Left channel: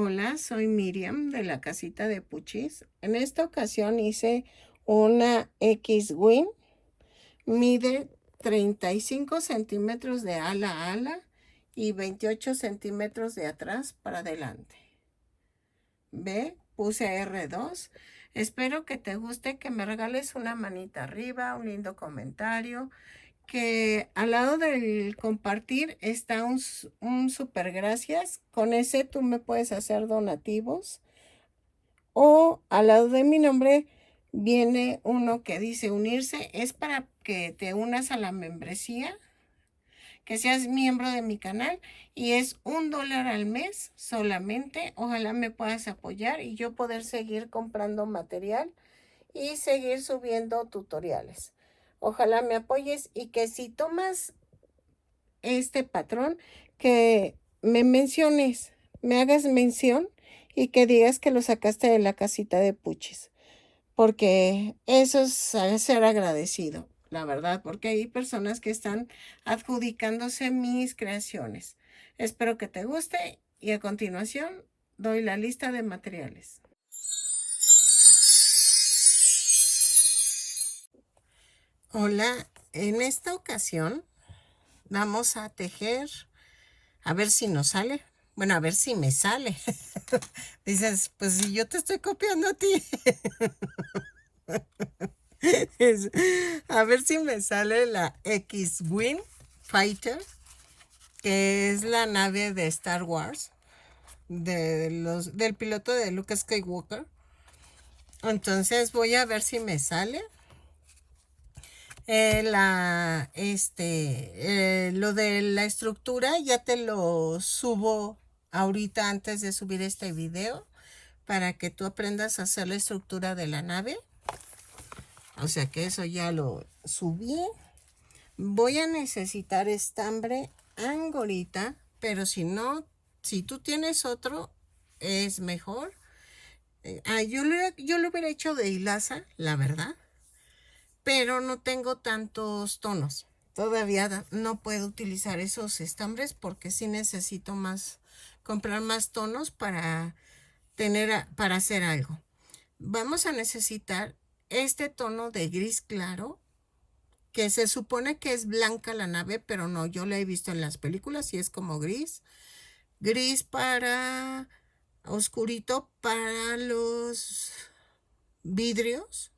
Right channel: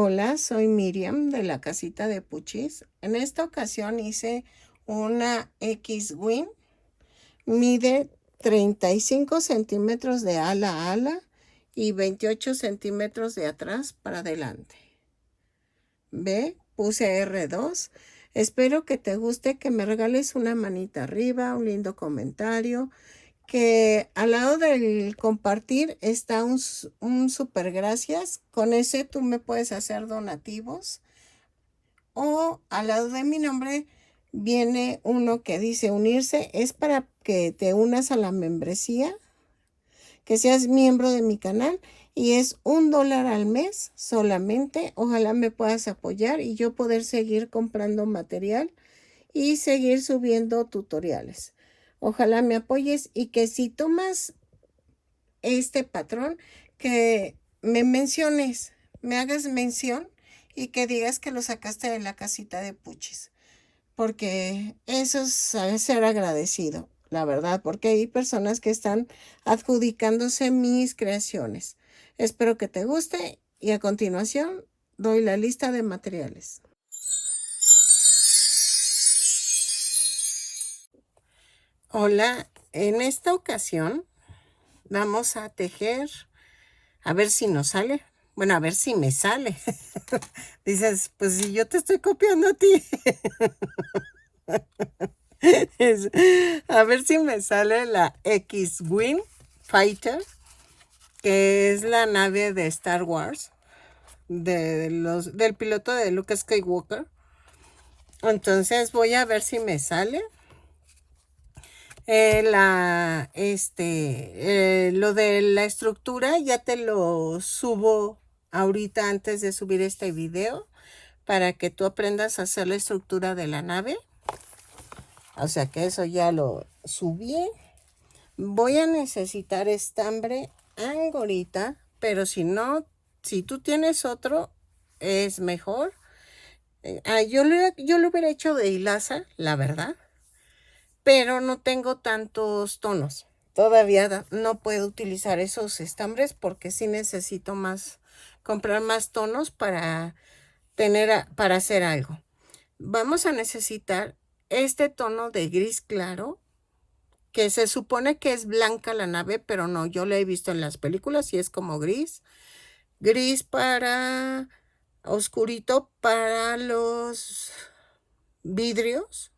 Hola, soy Miriam de la casita de Puchis. En esta ocasión hice una X-Wing. Mide 35 centímetros de ala a ala y 28 centímetros de atrás para adelante. Ve, puse R2. Espero que te guste, que me regales una manita arriba, un lindo comentario, que al lado del compartir está un super gracias. Con ese tú me puedes hacer donativos. O al lado de mi nombre viene uno que dice unirse. Es para que te unas a la membresía, que seas miembro de mi canal. Y es $1 al mes solamente. Ojalá me puedas apoyar y yo poder seguir comprando material y seguir subiendo tutoriales. Ojalá me apoyes y que si tomas este patrón, que me menciones, me hagas mención y que digas que lo sacaste de la casita de Puchis, porque eso es ser agradecido, la verdad, porque hay personas que están adjudicándose mis creaciones. Espero que te guste y a continuación doy la lista de materiales. Hola, en esta ocasión vamos a tejer, a ver si nos sale. Bueno, a ver si me sale. Dices, pues si yo te estoy copiando a ti. A ver si me sale la X-Wing Fighter, que es la nave de Star Wars, del piloto de Luke Skywalker. Entonces voy a ver si me sale. Lo de la estructura ya te lo subo ahorita antes de subir este video para que tú aprendas a hacer la estructura de la nave. O sea que eso ya lo subí. Voy a necesitar estambre angorita, pero si no, si tú tienes otro, es mejor. Yo lo hubiera hecho de hilaza, la verdad, pero no tengo tantos tonos. Todavía no puedo utilizar esos estambres porque sí necesito comprar más tonos para para hacer algo. Vamos a necesitar este tono de gris claro, que se supone que es blanca la nave, pero no, yo la he visto en las películas y es como gris. Gris para oscurito para los vidrios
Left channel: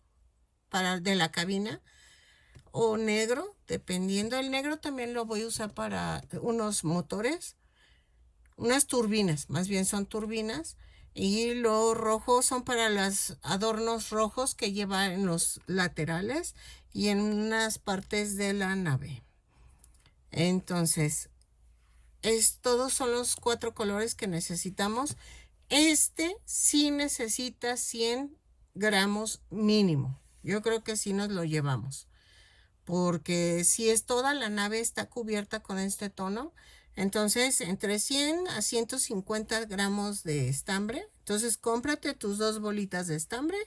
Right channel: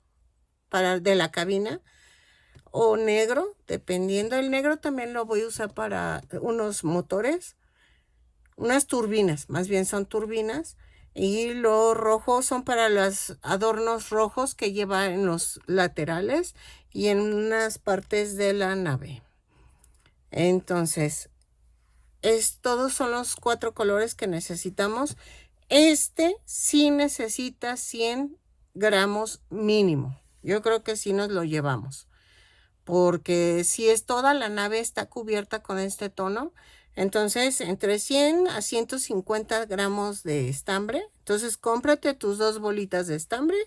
de la cabina, o negro, dependiendo. El negro también lo voy a usar para unos motores, unas turbinas, más bien son turbinas. Y los rojos son para los adornos rojos que lleva en los laterales y en unas partes de la nave. Entonces, todos son los 4 colores que necesitamos. Este sí necesita 100 gramos mínimo. Yo creo que sí nos lo llevamos, porque si es toda la nave está cubierta con este tono, entonces entre 100 a 150 gramos de estambre. Entonces cómprate tus 2 bolitas de estambre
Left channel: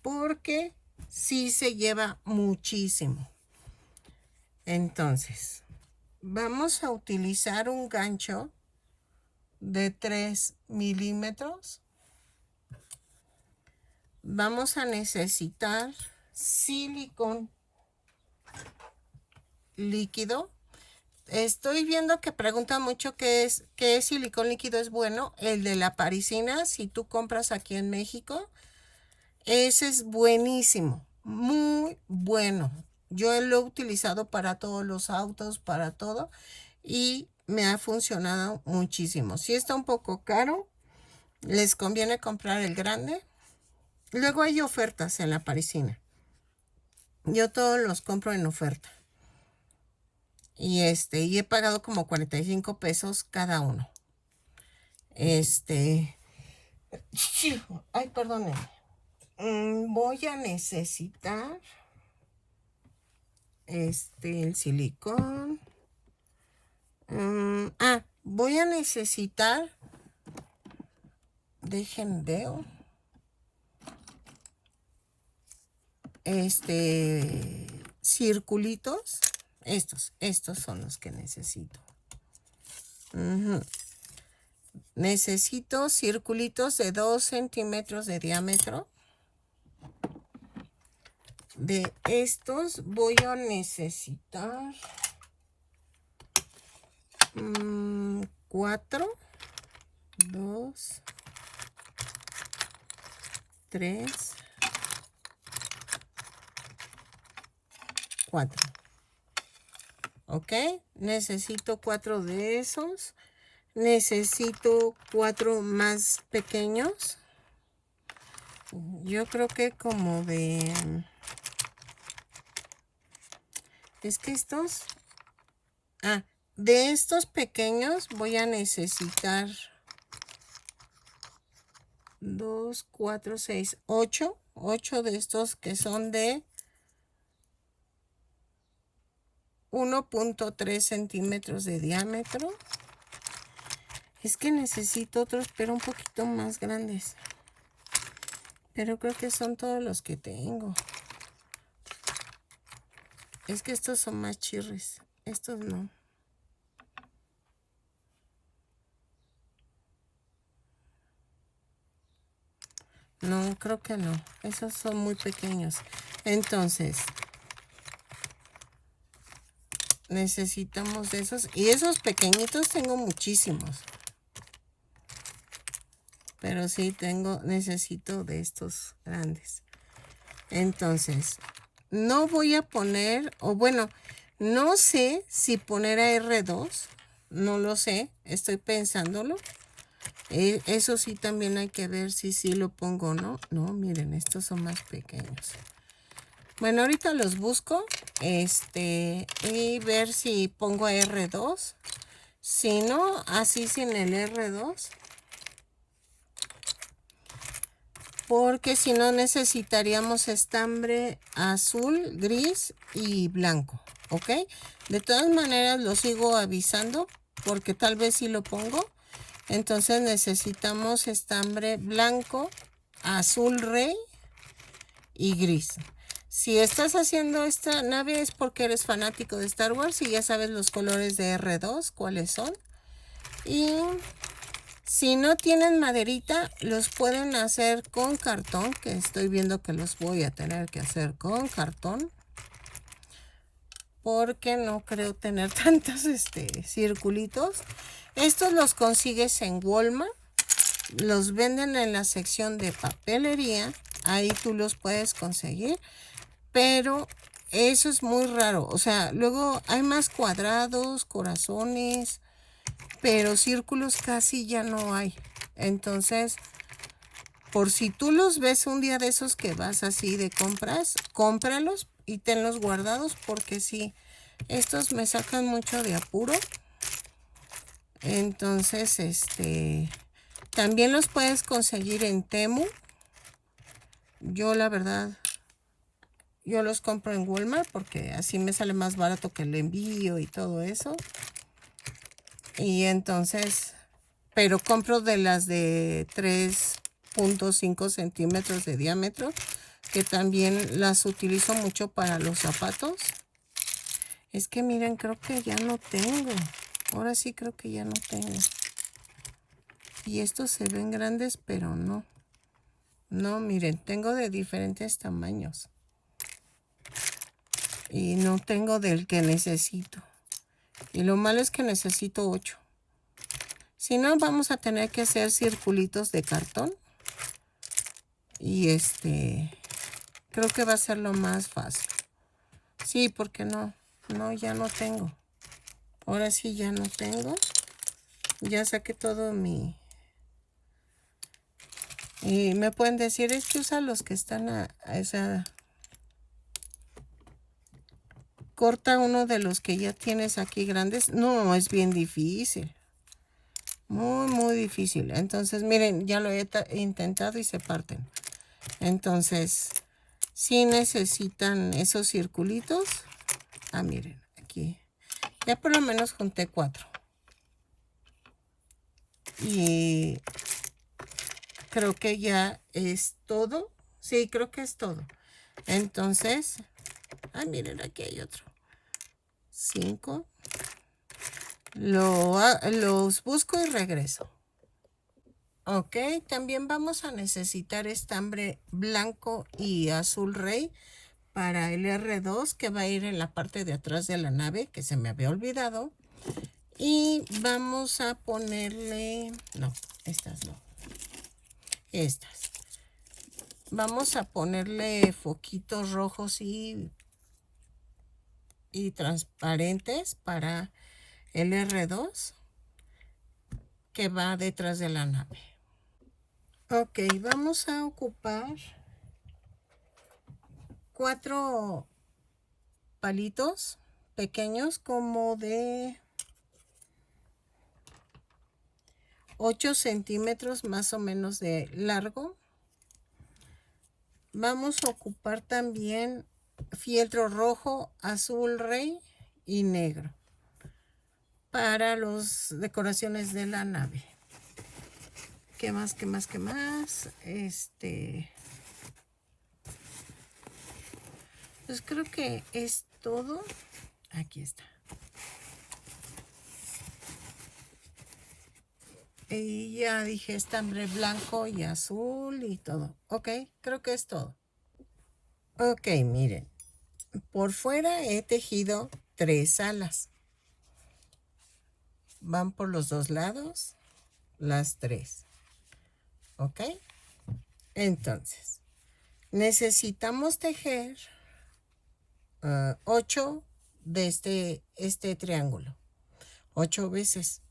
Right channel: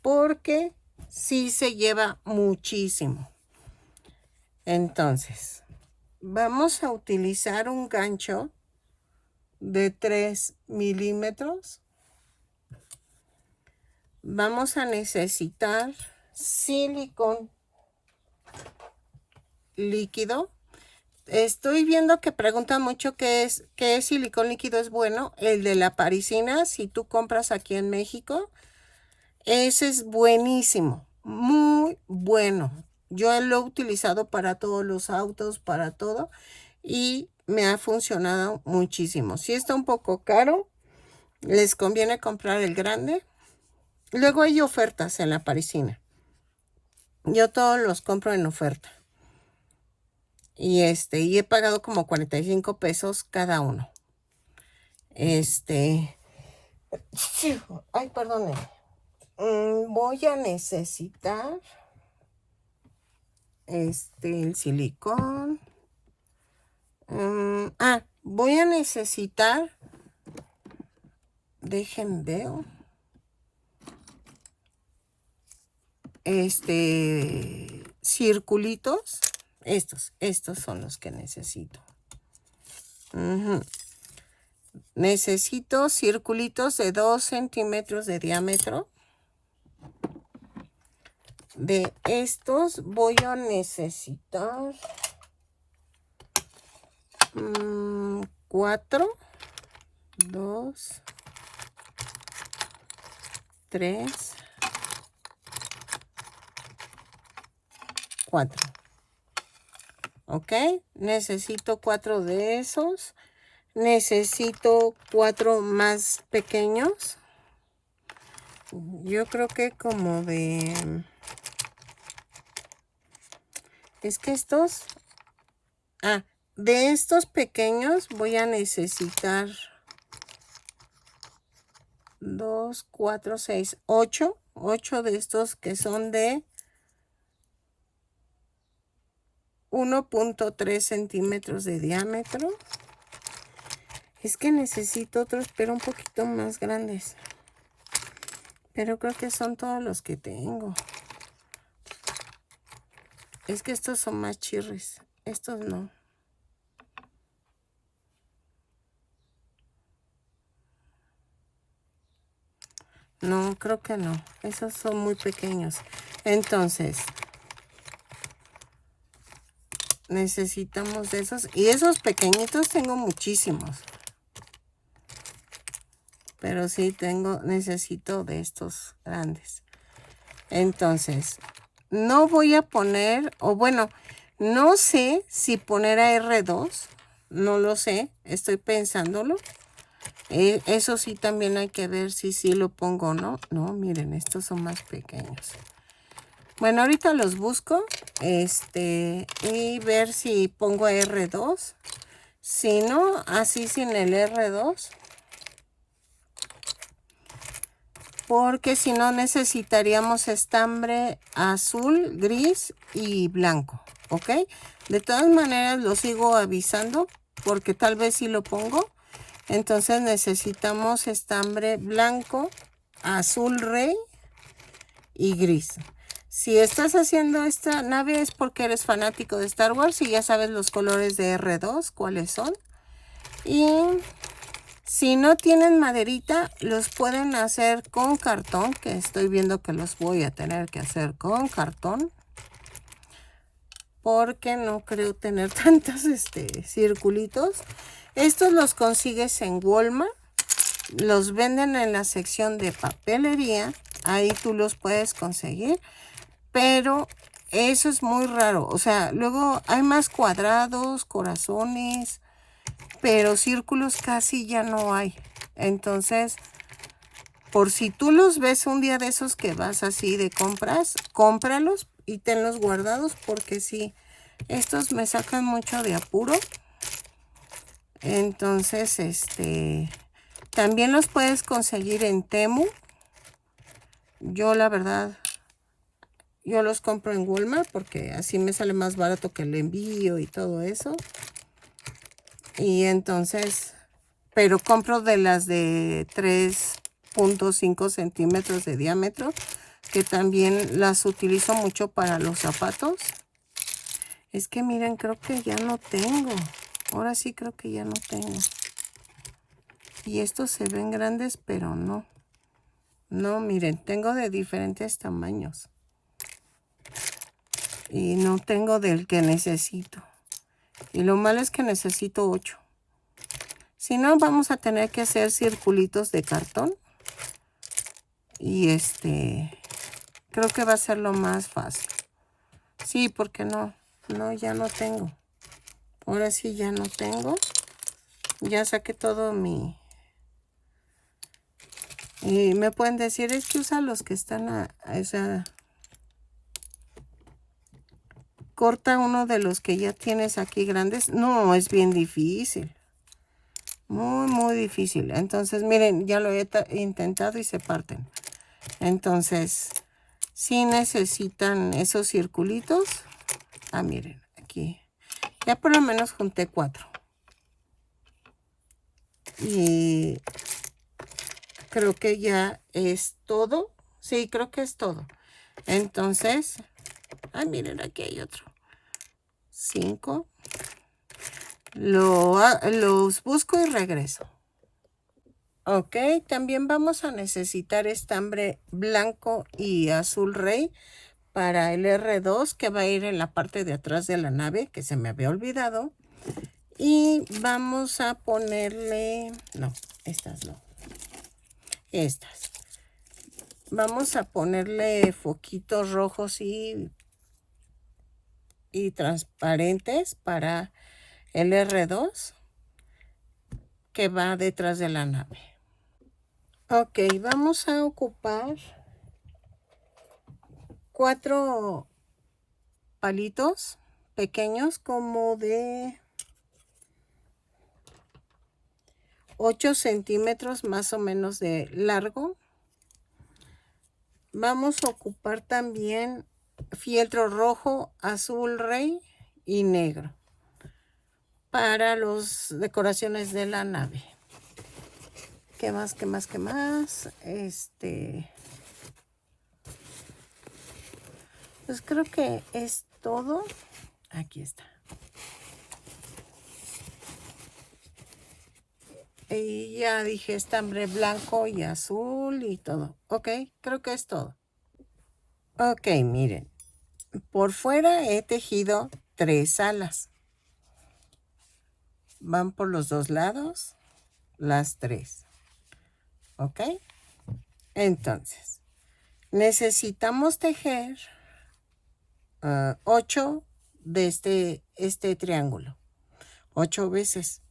porque sí se lleva muchísimo. Entonces vamos a utilizar un gancho de 3 milímetros. Vamos a necesitar silicón líquido. Estoy viendo que preguntan mucho qué silicón líquido es bueno. El de la parisina, si tú compras aquí en México, ese es buenísimo, muy bueno. Yo lo he utilizado para todos los autos, para todo, y me ha funcionado muchísimo. Si está un poco caro, les conviene comprar el grande. Luego hay ofertas en la parisina. Yo todos los compro en oferta. Y he pagado como 45 pesos cada uno. Ay, perdone. Voy a necesitar el silicón. Voy a necesitar, dejen veo, circulitos. Estos son los que necesito. necesito circulitos de 2 centímetros de diámetro. De estos voy a necesitar 4, 2, 3, 4. Ok, necesito 4 de esos. Necesito 4 más pequeños. Yo creo que como de... Es que estos... de estos pequeños voy a necesitar 2, 4, 6, 8. 8 de estos que son de 1.3 centímetros de diámetro. Es que necesito otros, pero un poquito más grandes. Pero creo que son todos los que tengo. Es que estos son más chirres. Estos no. No, creo que no. Esos son muy pequeños. Entonces, necesitamos de esos. Y esos pequeñitos tengo muchísimos. Pero sí necesito de estos grandes. Entonces, no voy a poner, o bueno, no sé si poner a R2. No lo sé, estoy pensándolo. Eso sí también hay que ver si sí lo pongo o no. No, miren, estos son más pequeños. Bueno, ahorita los busco. Y ver si pongo R2. Si no, así sin el R2. Porque si no necesitaríamos estambre azul, gris y blanco. ¿Ok? De todas maneras lo sigo avisando porque tal vez sí lo pongo. Entonces necesitamos estambre blanco, azul rey y gris. Si estás haciendo esta nave es porque eres fanático de Star Wars y ya sabes los colores de R2, cuáles son. Y si no tienen maderita, los pueden hacer con cartón, que estoy viendo que los voy a tener que hacer con cartón. Porque no creo tener tantos circulitos. Estos los consigues en Walmart. Los venden en la sección de papelería. Ahí tú los puedes conseguir. Pero eso es muy raro. O sea, luego hay más cuadrados, corazones, pero círculos casi ya no hay. Entonces, por si tú los ves un día de esos que vas así de compras, cómpralos y tenlos guardados porque sí, estos me sacan mucho de apuro. Entonces, también los puedes conseguir en Temu. Yo la verdad, yo los compro en Walmart porque así me sale más barato que el envío y todo eso. Y entonces, pero compro de las de 3.5 centímetros de diámetro, que también las utilizo mucho para los zapatos. Es que miren, creo que ya no tengo. Ahora sí creo que ya no tengo. Y estos se ven grandes, pero no. No, miren, tengo de diferentes tamaños. Y no tengo del que necesito. Y lo malo es que necesito 8. Si no, vamos a tener que hacer circulitos de cartón. Y creo que va a ser lo más fácil. Sí, porque no, ya no tengo. Ahora sí ya no tengo. Ya saqué todo mi... Y me pueden decir, es que usa los que están a esa... Corta uno de los que ya tienes aquí grandes. No, es bien difícil. Muy, muy difícil. Entonces, miren, ya lo he intentado y se parten. Entonces, si necesitan esos circulitos. Ah, miren, aquí. Ya por lo menos junté 4. Y creo que ya es todo. Sí, creo que es todo. Entonces, miren, aquí hay otro. 5. Los busco y regreso. Ok, también vamos a necesitar estambre blanco y azul rey para el R2 que va a ir en la parte de atrás de la nave, que se me había olvidado. Y vamos a ponerle, no, estas no, estas. Vamos a ponerle foquitos rojos y transparentes para el R2 que va detrás de la nave. Ok, vamos a ocupar 4 palitos pequeños como de 8 centímetros más o menos de largo. Vamos a ocupar también fieltro rojo, azul rey y negro para las decoraciones de la nave. ¿Qué más? ¿Qué más? ¿Qué más? Pues creo que es todo. Aquí está. Y ya dije estambre blanco y azul y todo. Ok, creo que es todo. Ok, miren. Por fuera he tejido 3 alas. Van por los 2 lados las 3. Ok. Entonces, necesitamos tejer 8 de este triángulo. 8 veces.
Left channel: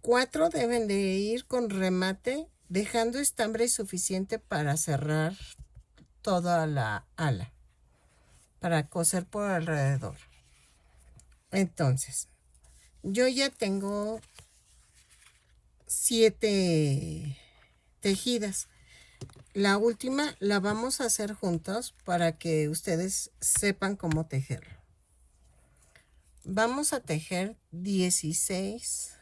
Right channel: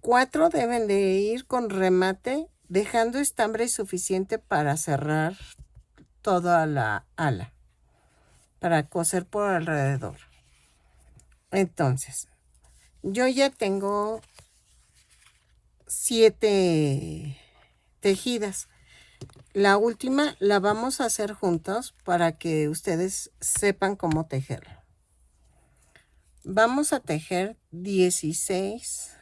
4 deben de ir con remate, dejando estambre suficiente para cerrar toda la ala, para coser por alrededor. Entonces, yo ya tengo 7 tejidas. La última la vamos a hacer juntos para que ustedes sepan cómo tejerla. Vamos a tejer 16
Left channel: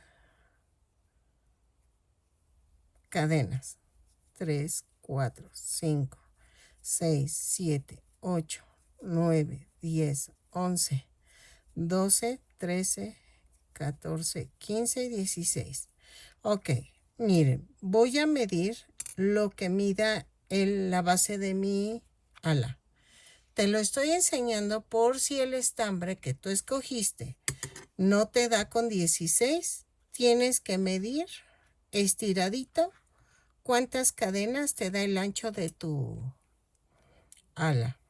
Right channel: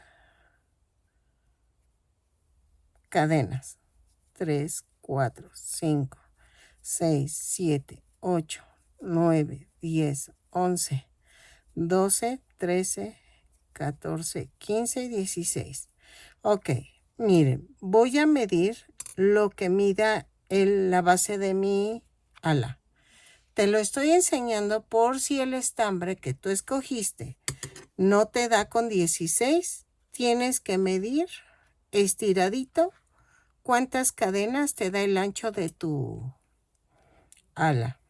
cadenas. 3, 4, 5, 6, 7, 8, 9, 10, 11, 12, 13, 14, 15 y 16. Ok, miren, voy a medir lo que mida la base de mi ala. Te lo estoy enseñando por si el estambre que tú escogiste no te da con 16. Tienes que medir estiradito cuántas cadenas te da el ancho de tu ala.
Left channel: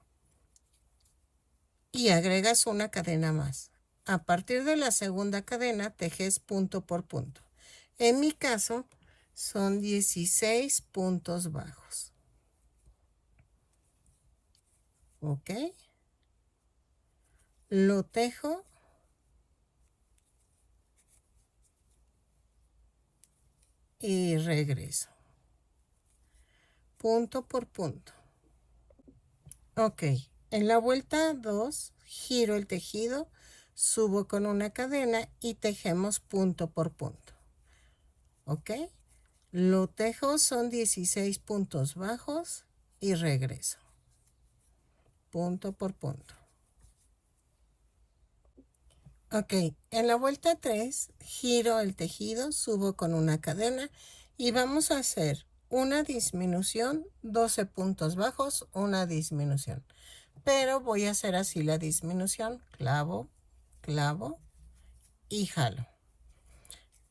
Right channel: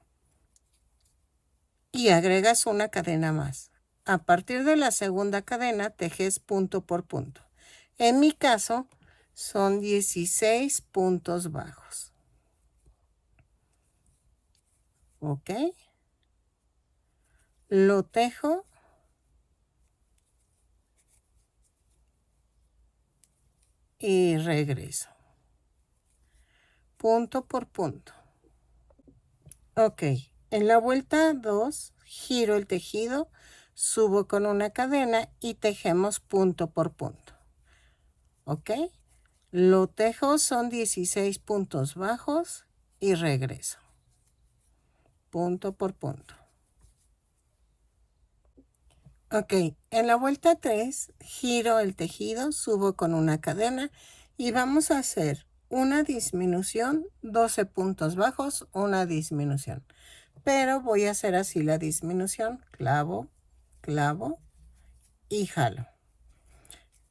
Y agregas una cadena más. A partir de la segunda cadena tejes punto por punto. En mi caso son 16 puntos bajos. Ok. Lo tejo. Y regreso. Punto por punto. Ok. En la vuelta 2 giro el tejido, subo con una cadena y tejemos punto por punto. Ok. Lo tejo, son 16 puntos bajos y regreso. Punto por punto. Ok, en la vuelta 3 giro el tejido, subo con una cadena y vamos a hacer una disminución, 12 puntos bajos, una disminución. Pero voy a hacer así la disminución, clavo, clavo y jalo.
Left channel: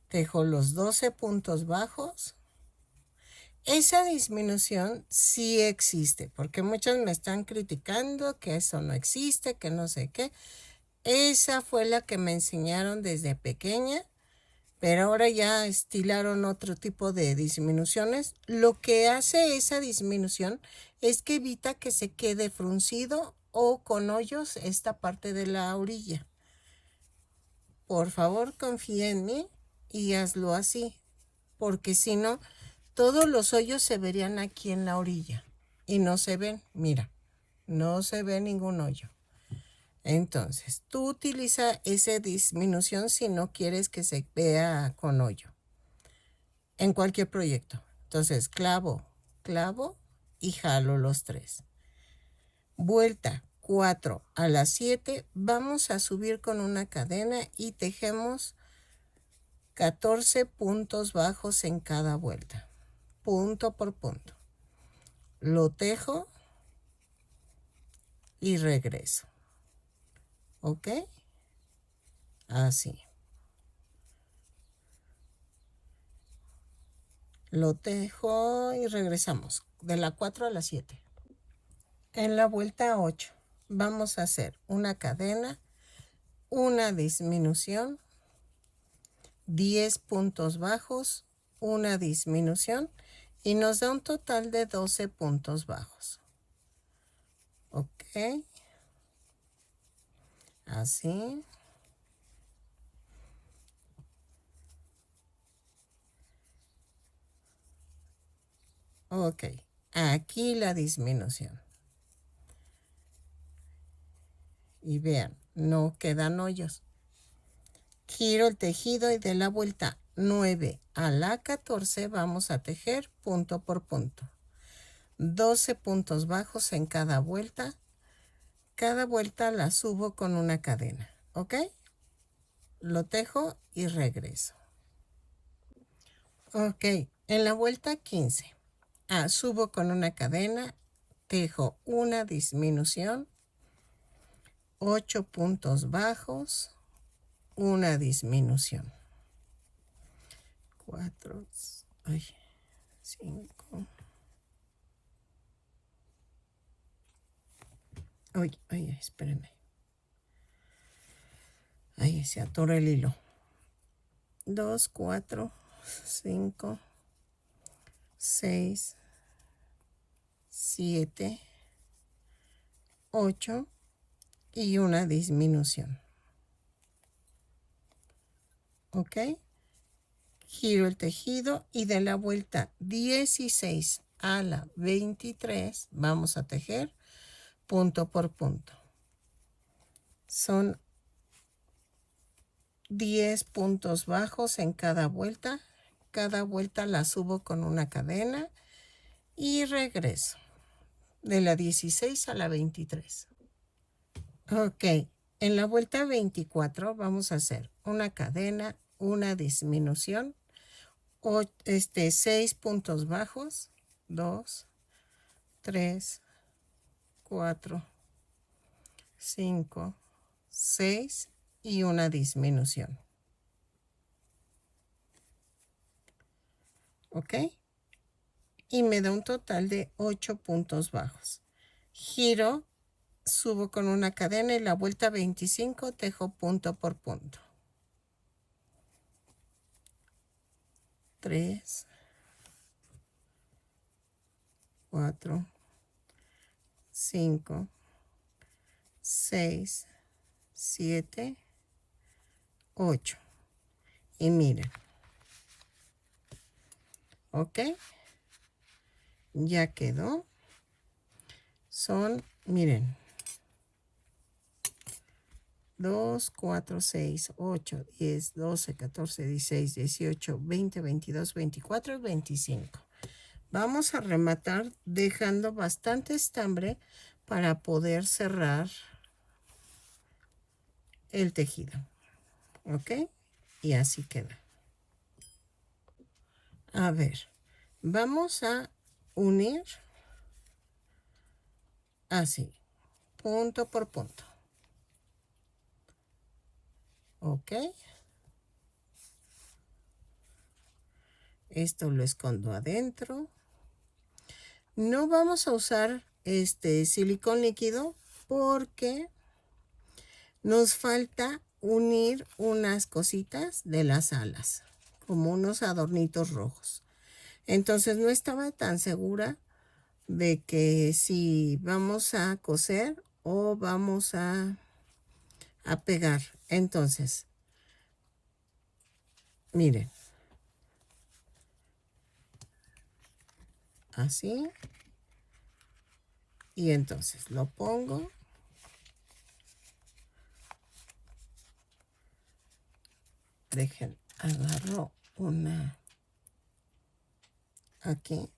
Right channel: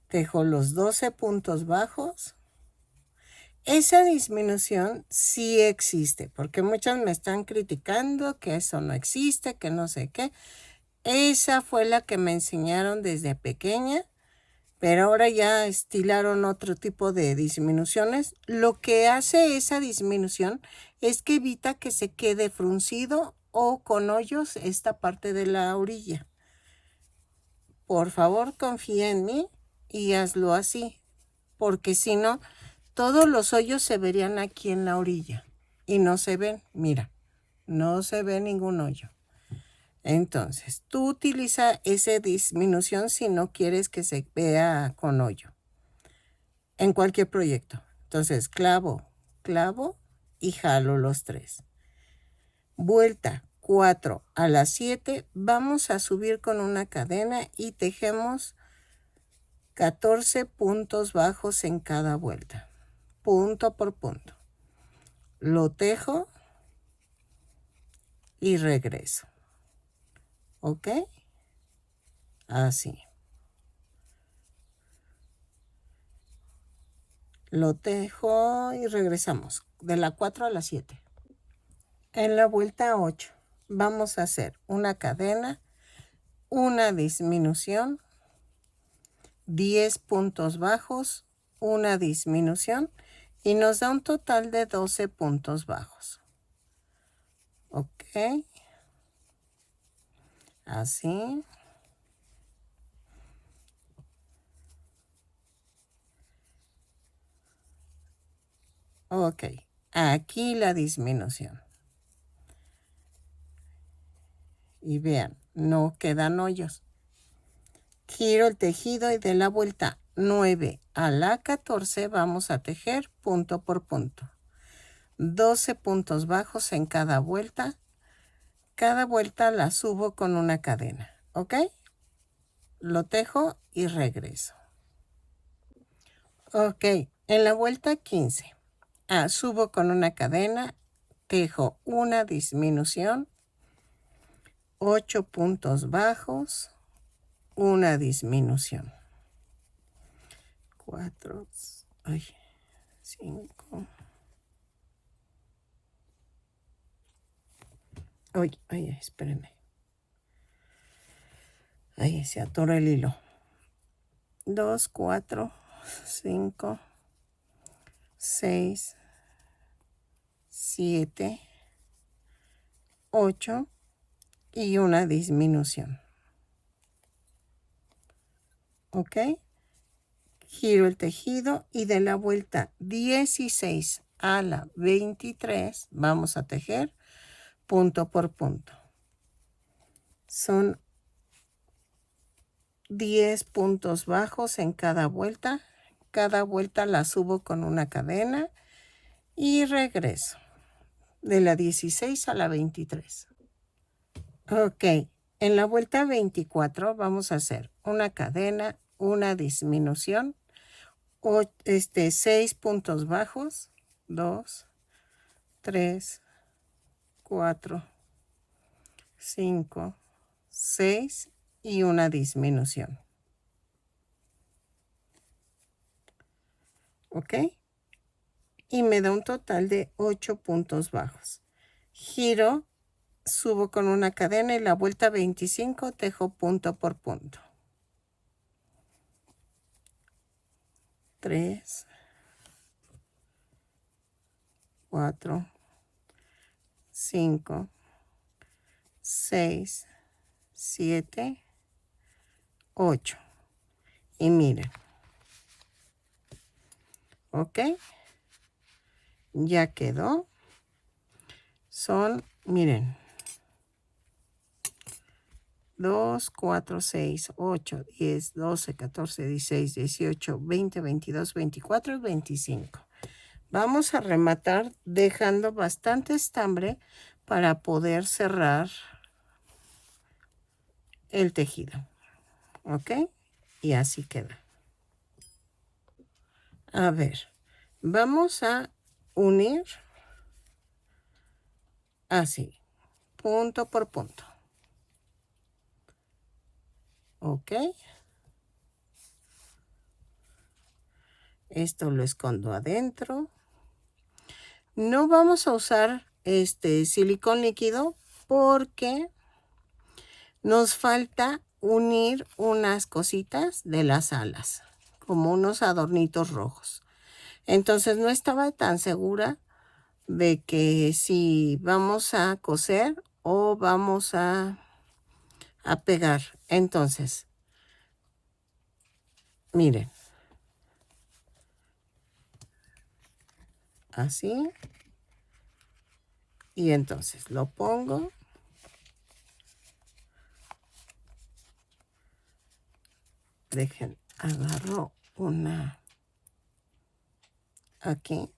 Tejo los 12 puntos bajos. Esa disminución sí existe, porque muchos me están criticando que eso no existe, que no sé qué. Esa fue la que me enseñaron desde pequeña, pero ahora ya estilaron otro tipo de disminuciones. Lo que hace esa disminución es que evita que se quede fruncido o con hoyos esta parte de la orilla. Por favor, confía en mí y hazlo así, porque si no, todos los hoyos se verían aquí en la orilla y no se ven, mira, no se ve ningún hoyo. Entonces, tú utiliza esa disminución si no quieres que se vea con hoyo en cualquier proyecto. Entonces, clavo, clavo y jalo los 3. Vuelta 4 a las 7, vamos a subir con una cadena y tejemos 14 puntos bajos en cada vuelta, punto por punto. Lo tejo y regreso. ¿Ok? Así. Lo tejo y regresamos de la 4 a la 7. En la vuelta 8 vamos a hacer una cadena, una disminución, 10 puntos bajos, una disminución y nos da un total de 12 puntos bajos. Ok. Así. Ok. Aquí la disminución. Y vean, no quedan hoyos. Giro el tejido y de la vuelta 9 a la 14 vamos a tejer punto por punto. 12 puntos bajos en cada vuelta. Cada vuelta la subo con una cadena. ¿Ok? Lo tejo y regreso. Ok. En la vuelta 15. Subo con una cadena. Tejo una disminución. 8 puntos bajos. Una disminución. 4, 5. Ay, espérenme. Ahí se atora el hilo. 2, 4, 5, 6, 7, 8 y una disminución. ¿Ok? Giro el tejido y de la vuelta 16 a la 23 vamos a tejer punto por punto. Son 10 puntos bajos en cada vuelta. Cada vuelta la subo con una cadena y regreso de la 16 a la 23. Ok, en la vuelta 24 vamos a hacer una cadena, una disminución, 6 puntos bajos, 2, 3, 4, 5, 6 y una disminución. ¿Ok? Y me da un total de 8 puntos bajos. Giro, subo con una cadena y la vuelta 25 tejo punto por punto. 3, 4, 5, 6, 7, 8. Y miren. ¿Ok? Ya quedó. Son, miren, 2, 4, 6, 8, 10, 12, 14, 16, 18, 20, 22, 24 y 25. Vamos a rematar dejando bastante estambre para poder cerrar el tejido. ¿Ok? Y así queda. A ver, vamos a unir así, punto por punto. ¿Ok? Esto lo escondo adentro. No vamos a usar silicón líquido porque nos falta unir unas cositas de las alas, como unos adornitos rojos. Entonces no estaba tan segura de que si vamos a coser o vamos a pegar. Entonces, miren. Así. Y entonces lo pongo. Dejen, agarro una aquí.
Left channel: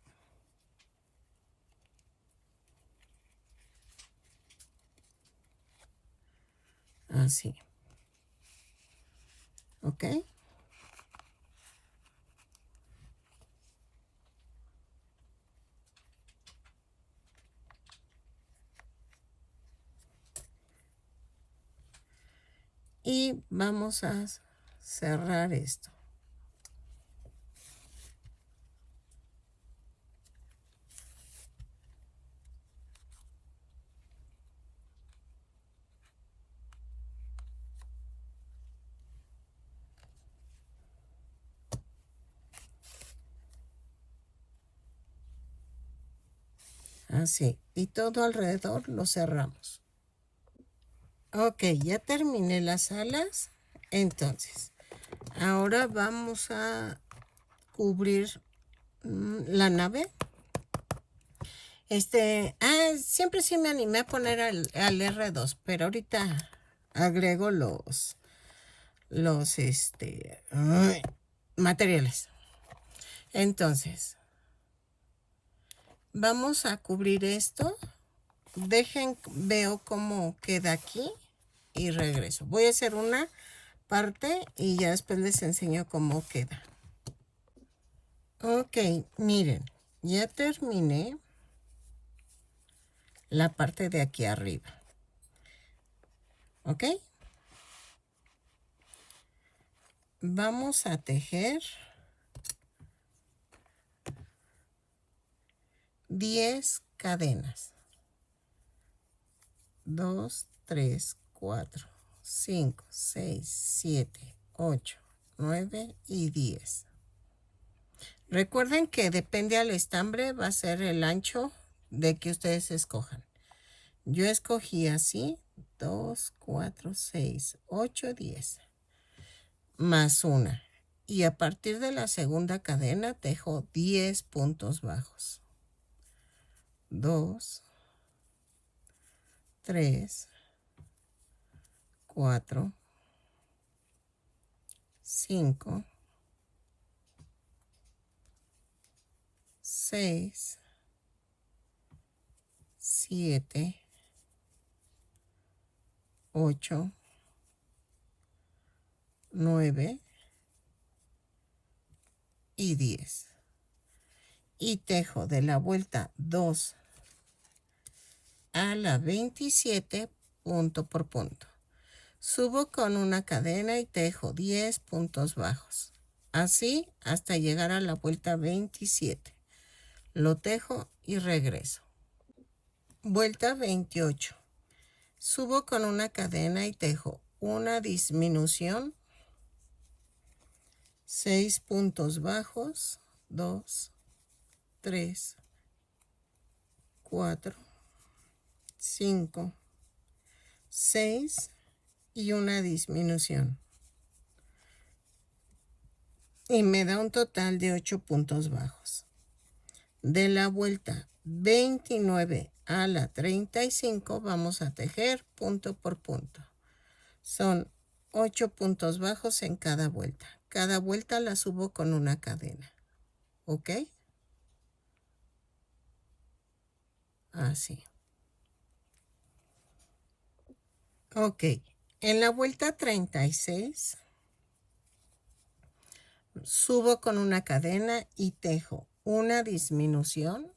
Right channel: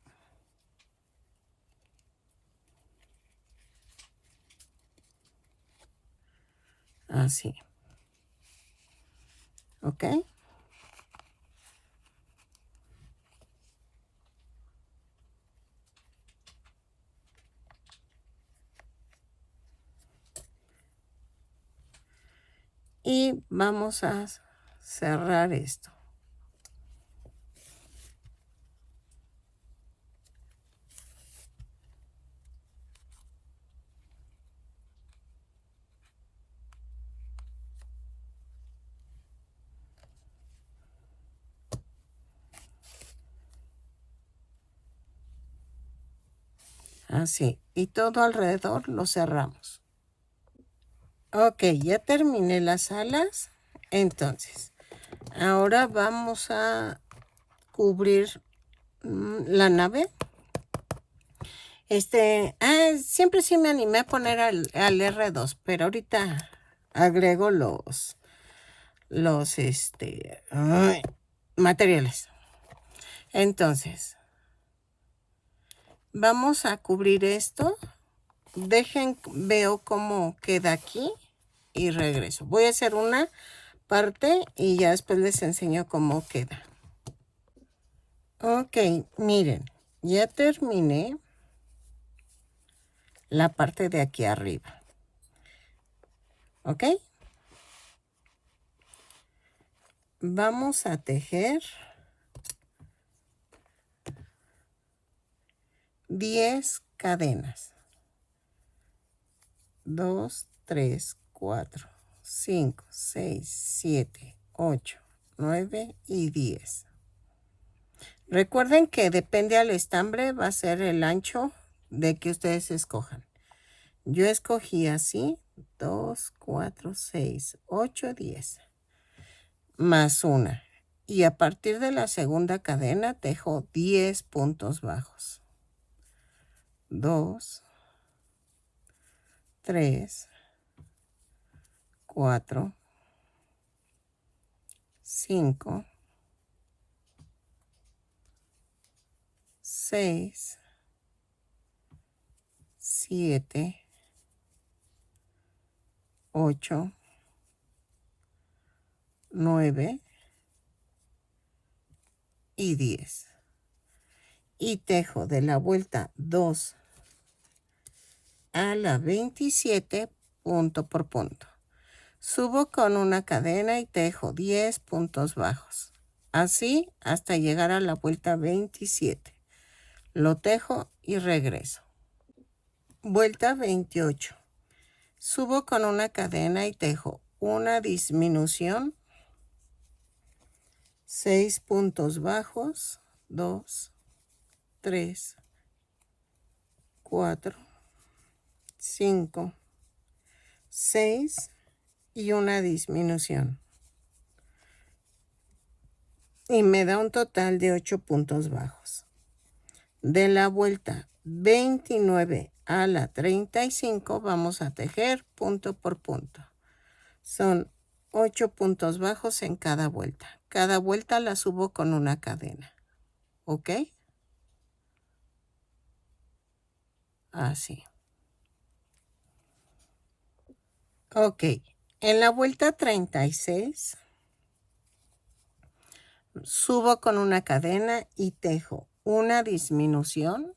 Así. ¿Ok? y vamos a cerrar esto. Así, y todo alrededor lo cerramos. Ok, ya terminé las alas. Entonces, ahora vamos a cubrir la nave. Siempre sí me animé a poner al R2, pero ahorita agrego los materiales. Entonces, vamos a cubrir esto. Veo cómo queda aquí y regreso. Voy a hacer una parte y ya después les enseño cómo queda. Ok, miren, ya terminé la parte de aquí arriba. ¿Ok? Vamos a tejer 10 cadenas. 2, 3, 4, 5, 6, 7, 8, 9 y 10. Recuerden que depende al estambre, va a ser el ancho de que ustedes escojan. Yo escogí así, 2, 4, 6, 8, 10. Más una. Y a partir de la segunda cadena tejo 10 puntos bajos. 2, 3, 4, 5, 6, 7, 8, 9 y 10. Y tejo de la vuelta 2 a la 27 punto por punto. Subo con una cadena y tejo 10 puntos bajos. Así hasta llegar a la vuelta 27. Lo tejo y regreso. Vuelta 28. Subo con una cadena y tejo una disminución, 6 puntos bajos, 2, 3, 4, 5, 6 y una disminución. Y me da un total de 8 puntos bajos. De la vuelta 29 a la 35 vamos a tejer punto por punto. Son 8 puntos bajos en cada vuelta. Cada vuelta la subo con una cadena. ¿Ok? Así. Ok. En la vuelta 36 subo con una cadena y tejo una disminución,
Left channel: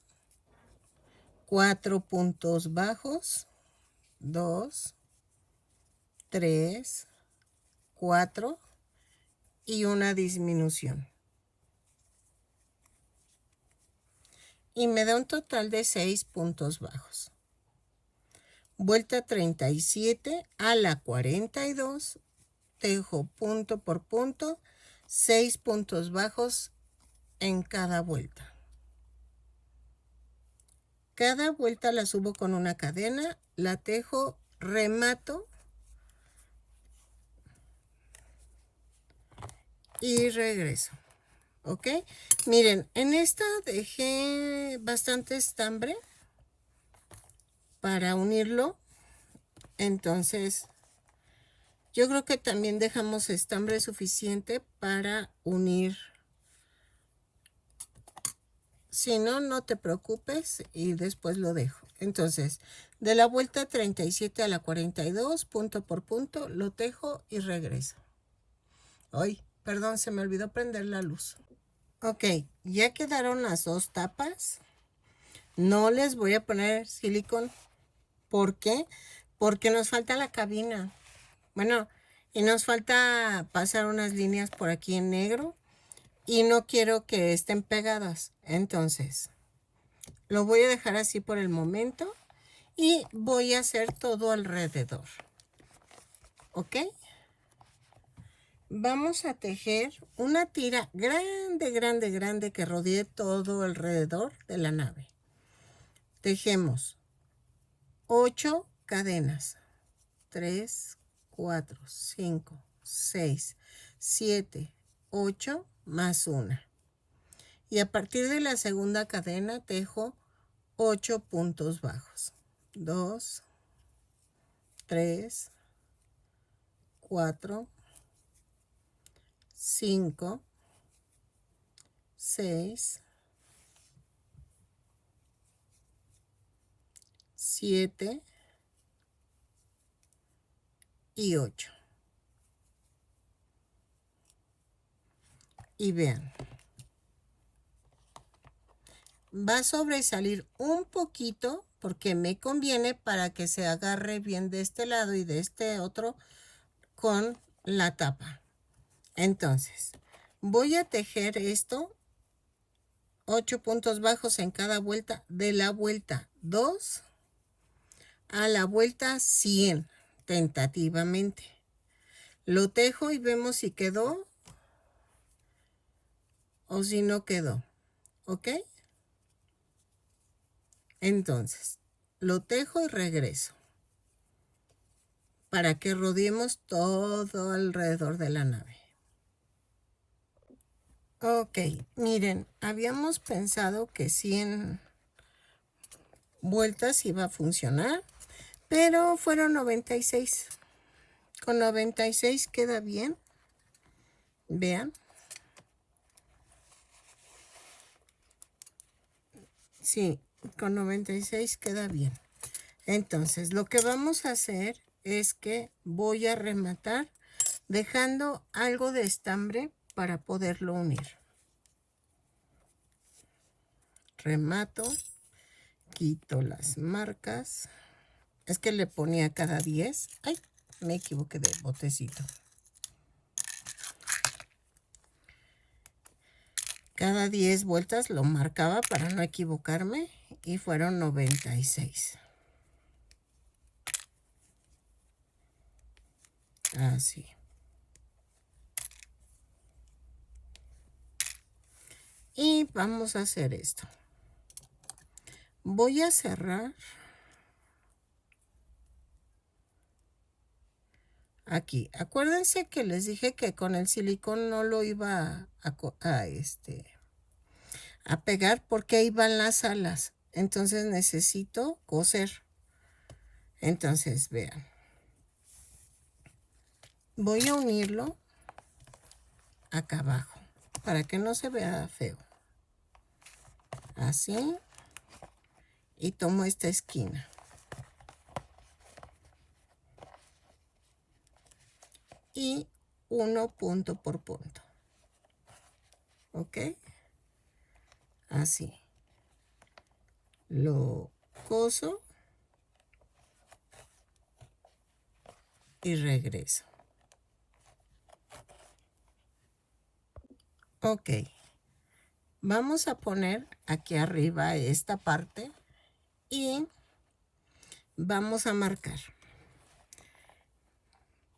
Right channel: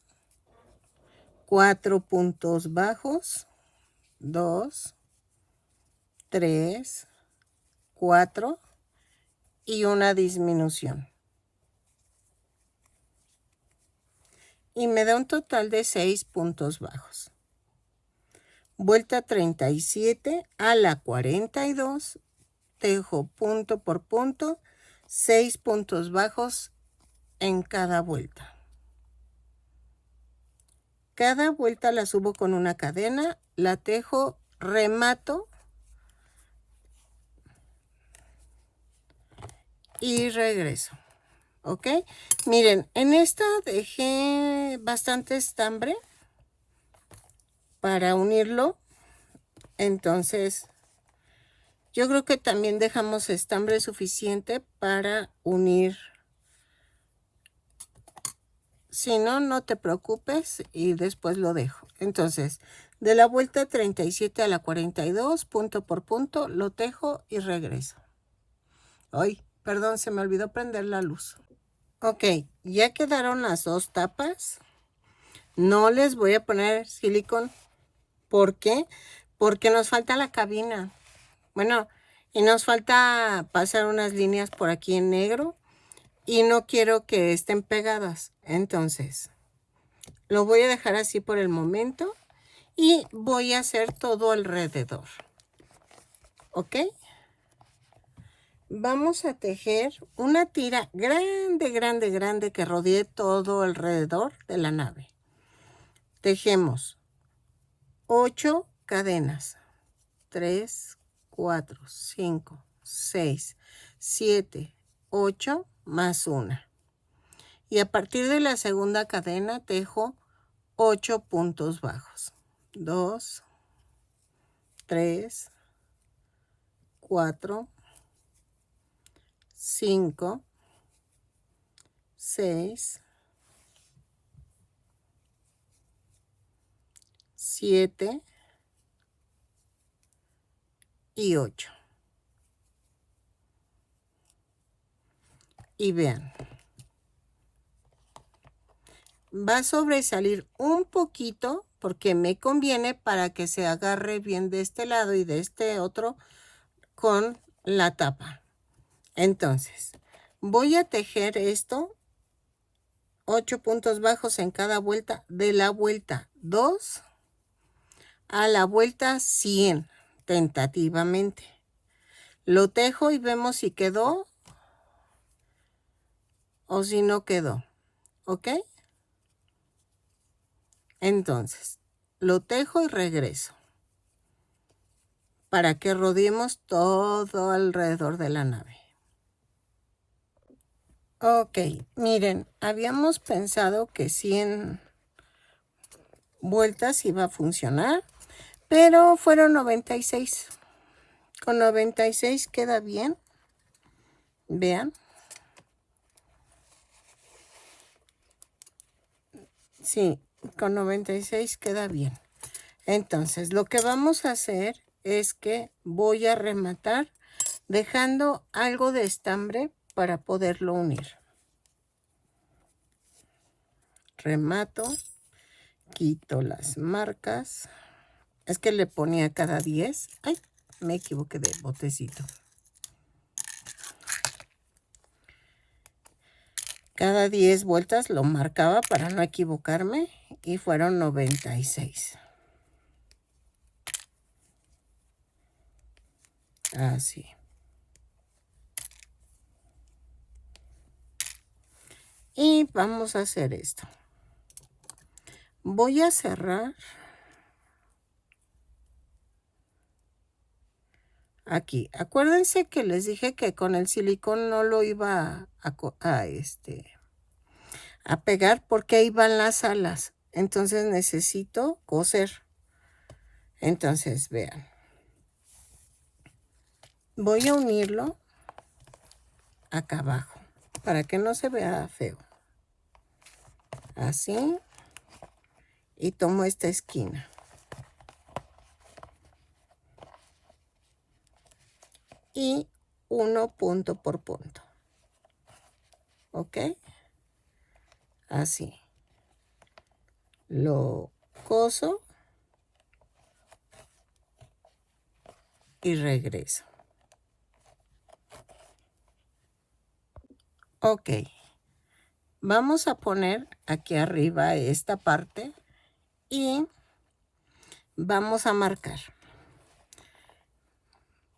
4 puntos bajos, 2, 3, 4 y una disminución. Y me da un total de 6 puntos bajos. Vuelta 37 a la 42, tejo punto por punto, 6 puntos bajos en cada vuelta. Cada vuelta la subo con una cadena, la tejo, remato y regreso. ¿Ok? Miren, en esta dejé bastante estambre para unirlo. Entonces, yo creo que también dejamos estambre suficiente para unir. Si no, no te preocupes y después lo dejo. Entonces, de la vuelta 37 a la 42, punto por punto, lo tejo y regreso. Ay, perdón, se me olvidó prender la luz. Ok, ya quedaron las dos tapas. No les voy a poner silicón. ¿Por qué? Porque nos falta la cabina. Bueno, Y nos falta pasar unas líneas por aquí en negro y no quiero que estén pegadas. Entonces, lo voy a dejar así por el momento y voy a hacer todo alrededor. ¿Ok? Vamos a tejer una tira grande, grande, grande que rodee todo alrededor de la nave. Tejemos 8 cadenas. 3, 4, 5, 6, 7, 8 más una. Y a partir de la segunda cadena tejo 8 puntos bajos. 2, 3, 4, 5, 6, 7 y 8. Y vean, va a sobresalir un poquito porque me conviene para que se agarre bien de este lado y de este otro con la tapa. Entonces, voy a tejer esto 8 puntos bajos en cada vuelta, de la vuelta 2 a la vuelta 100 tentativamente. Lo tejo y vemos si quedó o si no quedó. ¿Ok? Entonces, lo tejo y regreso para que rodeemos todo alrededor de la nave. Ok, miren, habíamos pensado que 100 vueltas iba a funcionar, pero fueron 96. Con 96 queda bien. Vean. Sí, con 96 queda bien. Entonces, lo que vamos a hacer es que voy a rematar dejando algo de estambre para poderlo unir. Remato, quito las marcas. Es que le ponía cada 10. Ay, me equivoqué de botecito. Cada 10 vueltas lo marcaba para no equivocarme y fueron 96. Así. Y vamos a hacer esto. Voy a cerrar aquí. Acuérdense que les dije que con el silicón no lo iba a pegar porque ahí van las alas. Entonces necesito coser. Entonces, vean. Voy a unirlo acá abajo para que no se vea feo. Así. Y tomo esta esquina. Y uno punto por punto. ¿Ok? Así. Lo coso. Y regreso. Ok. Vamos a poner aquí arriba esta parte. Y vamos a marcar.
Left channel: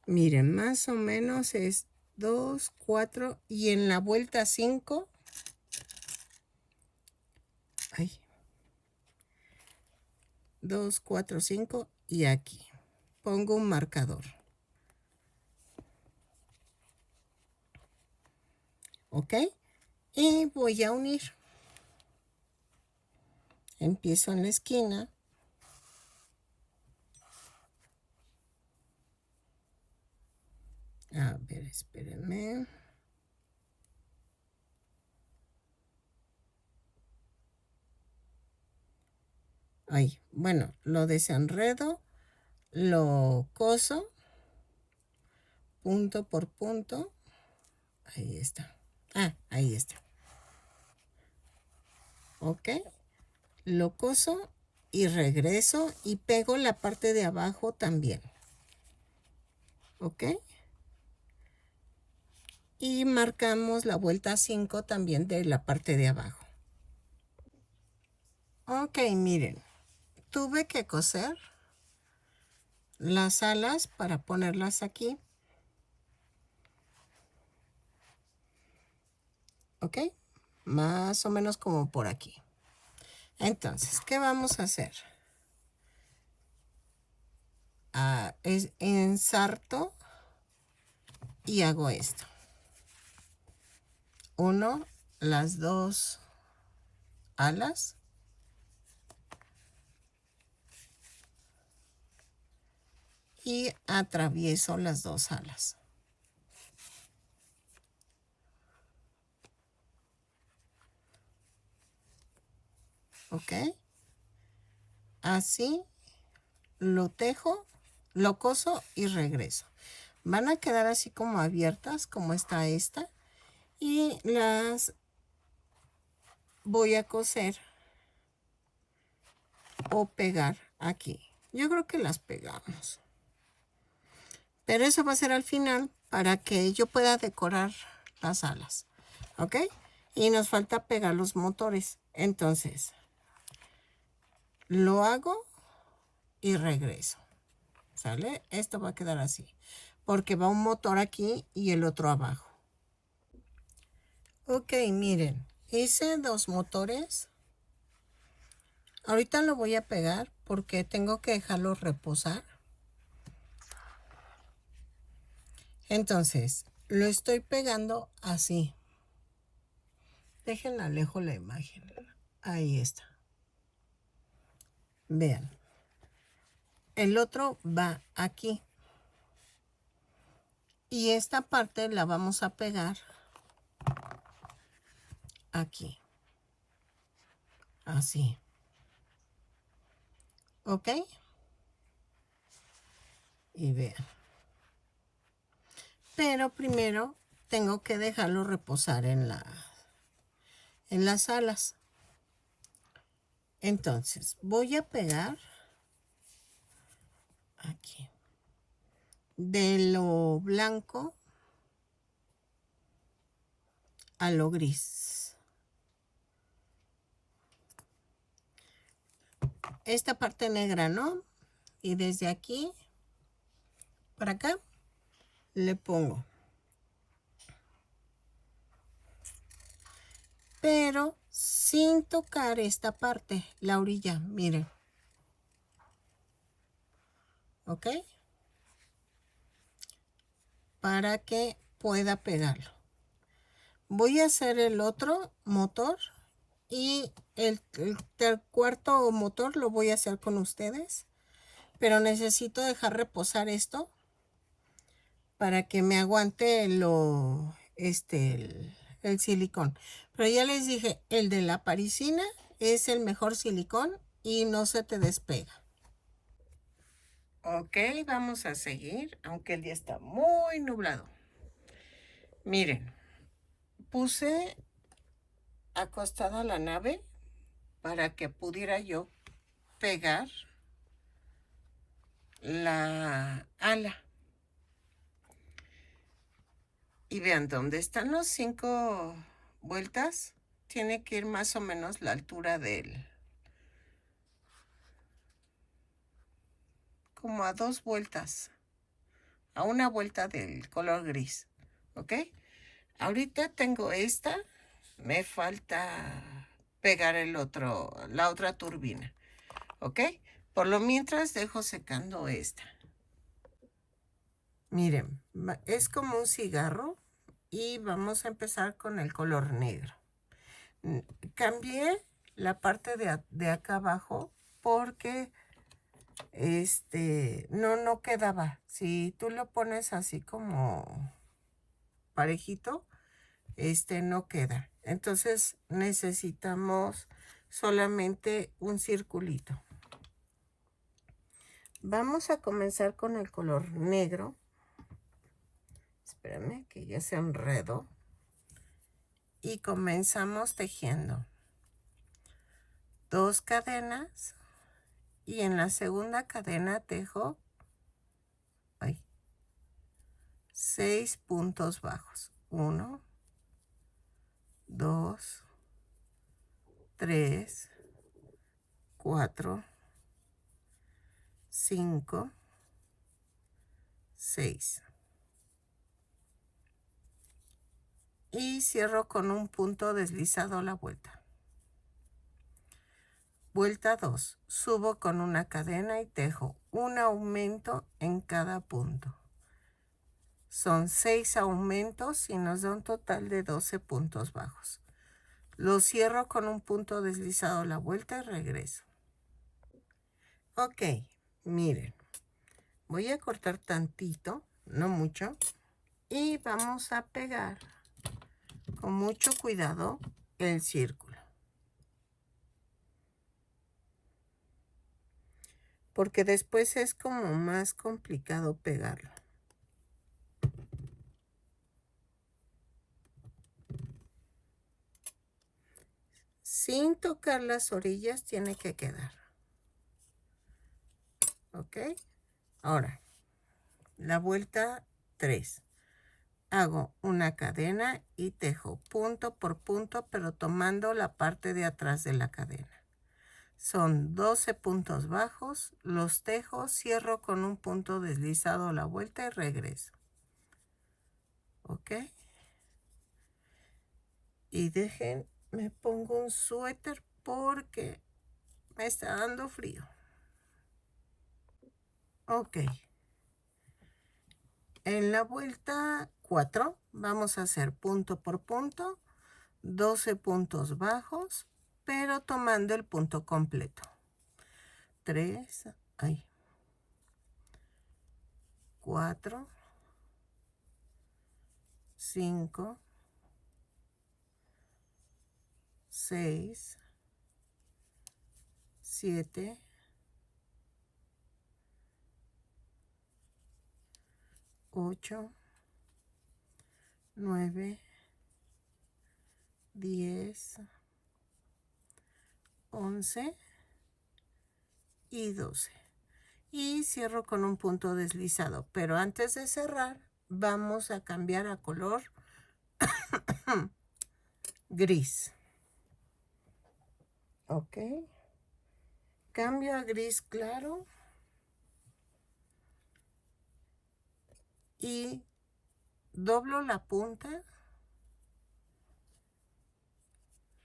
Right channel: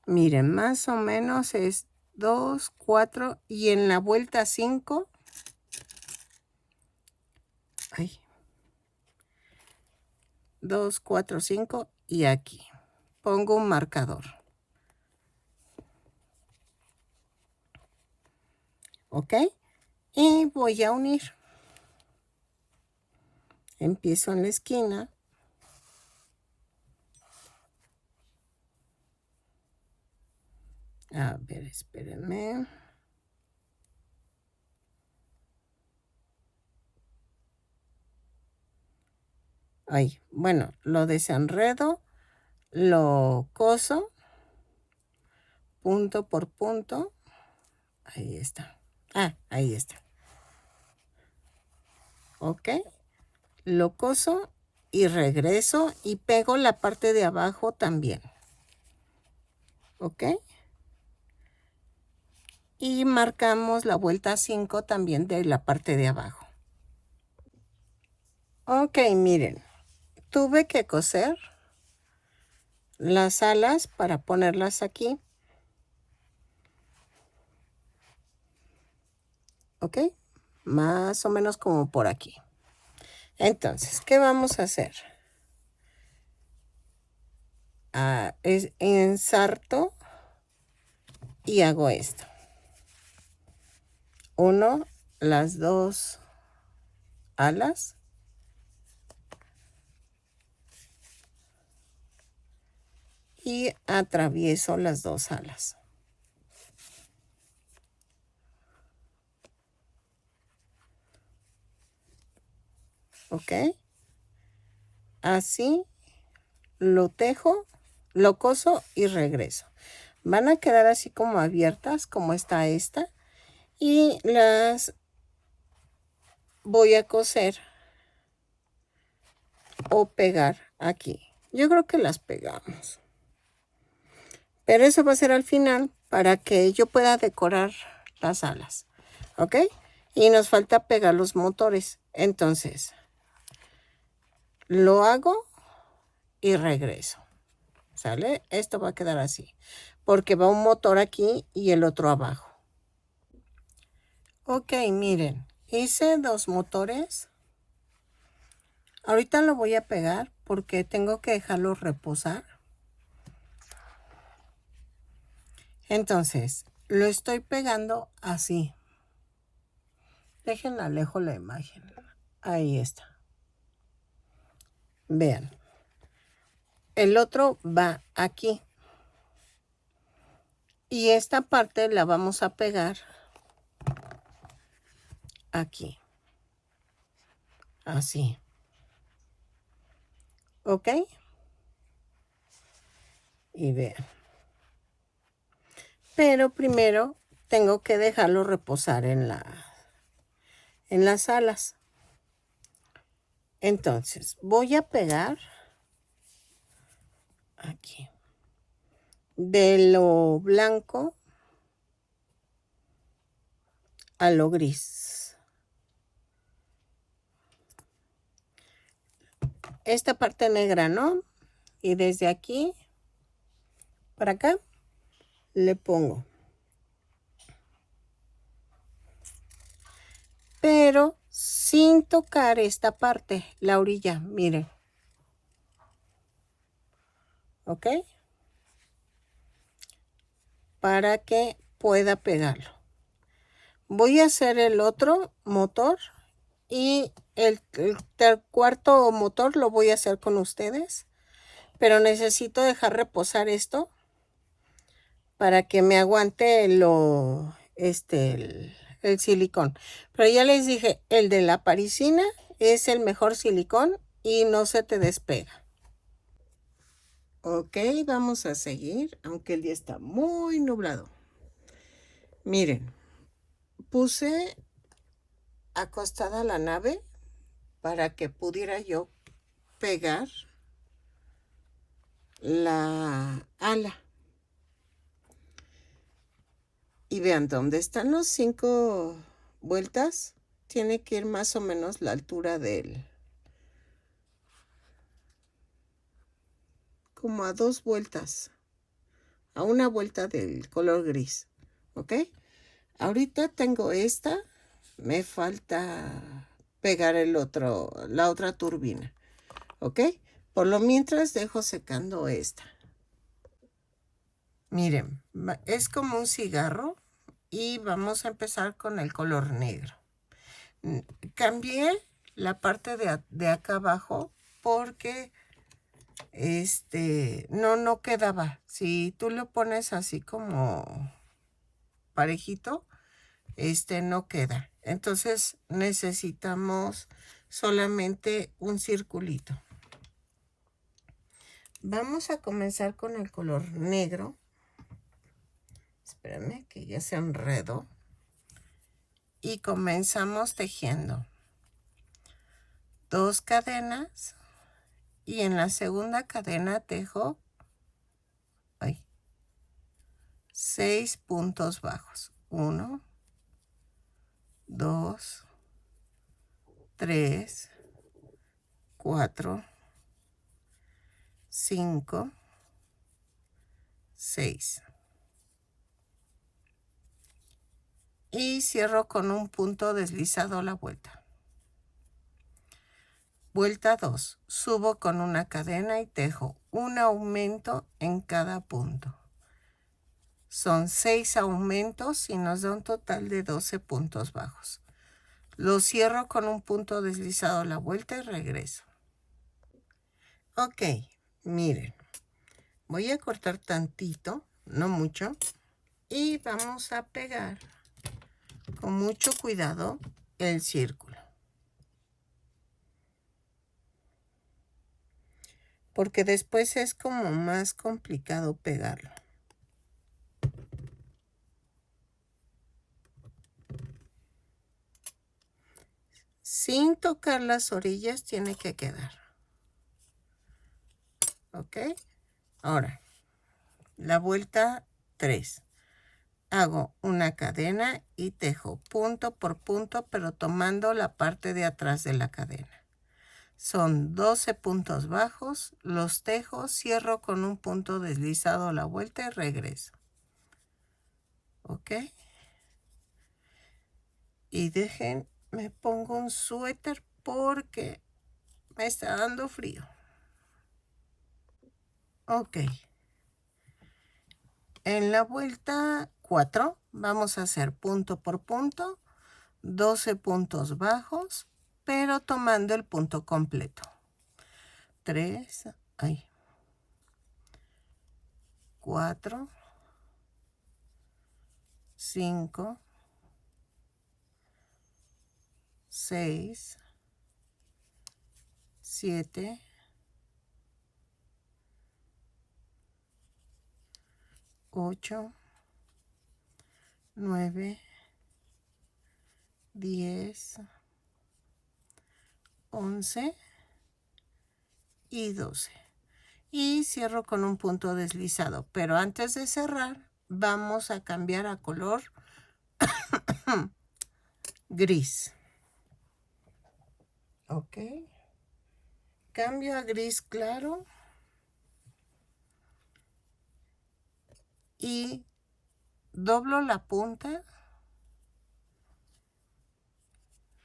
Miren, más o menos es 2, 4 y en la vuelta 5. Ay. 2, 4, 5 y aquí. Pongo un marcador. ¿Ok? Y voy a unir. Empiezo en la esquina. A ver, espérenme. Ahí, bueno, lo desenredo, lo coso, punto por punto. Ahí está. Ah, ahí está. Ok. Lo coso y regreso y pego la parte de abajo también. ¿Ok? y marcamos la vuelta 5 también de la parte de abajo. Ok, miren, tuve que coser las alas para ponerlas aquí. Ok, más o menos como por aquí. Entonces, ¿qué vamos a hacer? Ensarto y hago esto. Uno, las dos alas. Y atravieso las dos alas. ¿Ok? Así lo tejo, lo coso y regreso. Van a quedar así como abiertas, como está esta. Y las voy a coser o pegar aquí. Yo creo que las pegamos. Pero eso va a ser al final para que yo pueda decorar las alas. ¿Ok? Y nos falta pegar los motores. Entonces, lo hago y regreso. ¿Sale? Esto va a quedar así. Porque va un motor aquí y el otro abajo. Ok, miren. Hice dos motores. Ahorita lo voy a pegar porque tengo que dejarlo reposar. Entonces, lo estoy pegando así. Dejen alejo la imagen. Ahí está. Vean. El otro va aquí. Y esta parte la vamos a pegar aquí. Así. ¿Ok? Y vean. Pero primero tengo que dejarlo reposar en las alas. Entonces, voy a pegar aquí. De lo blanco a lo gris. Esta parte negra, ¿no? Y desde aquí para acá le pongo. Pero sin tocar esta parte, la orilla, miren. ¿Ok? Para que pueda pegarlo. Voy a hacer el otro motor y el cuarto motor lo voy a hacer con ustedes. Pero necesito dejar reposar esto para que me aguante el silicón. Pero ya les dije, el de la parisina es el mejor silicón y no se te despega. Ok, vamos a seguir, aunque el día está muy nublado. Miren, puse acostada la nave para que pudiera yo pegar la ala. Y vean, donde están los 5 vueltas, tiene que ir más o menos la altura del... como a 2 vueltas. A una vuelta del color gris. ¿Ok? Ahorita tengo esta. Me falta pegar la otra turbina. ¿Ok? Por lo mientras dejo secando esta. Miren, es como un cigarro y vamos a empezar con el color negro. Cambié la parte de acá abajo porque no quedaba. Si tú lo pones así como parejito, no queda. Entonces necesitamos solamente un circulito. Vamos a comenzar con el color negro. Espérame que ya se enredó. Y comenzamos tejiendo 2 cadenas y en la segunda cadena tejo 6 puntos bajos. 1, 2, 3, 4, 5, 6. Y cierro con un punto deslizado la vuelta. Vuelta 2. Subo con una cadena y tejo un aumento en cada punto. Son 6 aumentos y nos da un total de 12 puntos bajos. Lo cierro con un punto deslizado la vuelta y regreso. Ok, miren. Voy a cortar tantito, no mucho. Y vamos a pegar con mucho cuidado el círculo. Porque después es como más complicado pegarlo. Sin tocar las orillas tiene que quedar. ¿Ok? Ahora, la vuelta 3. Hago una cadena y tejo punto por punto, pero tomando la parte de atrás de la cadena. Son 12 puntos bajos, los tejo, cierro con un punto deslizado la vuelta y regreso. ¿Ok? Y dejen, me pongo un suéter porque me está dando frío. Ok. En la vuelta 4 vamos a hacer punto por punto, 12 puntos bajos, pero tomando el punto completo. 3, 4, 5, 6, 7, 8, 9, 10, 11 y 12. Y cierro con un punto deslizado. Pero antes de cerrar, vamos a cambiar a color gris. Ok. Cambio a gris claro. Y doblo la punta.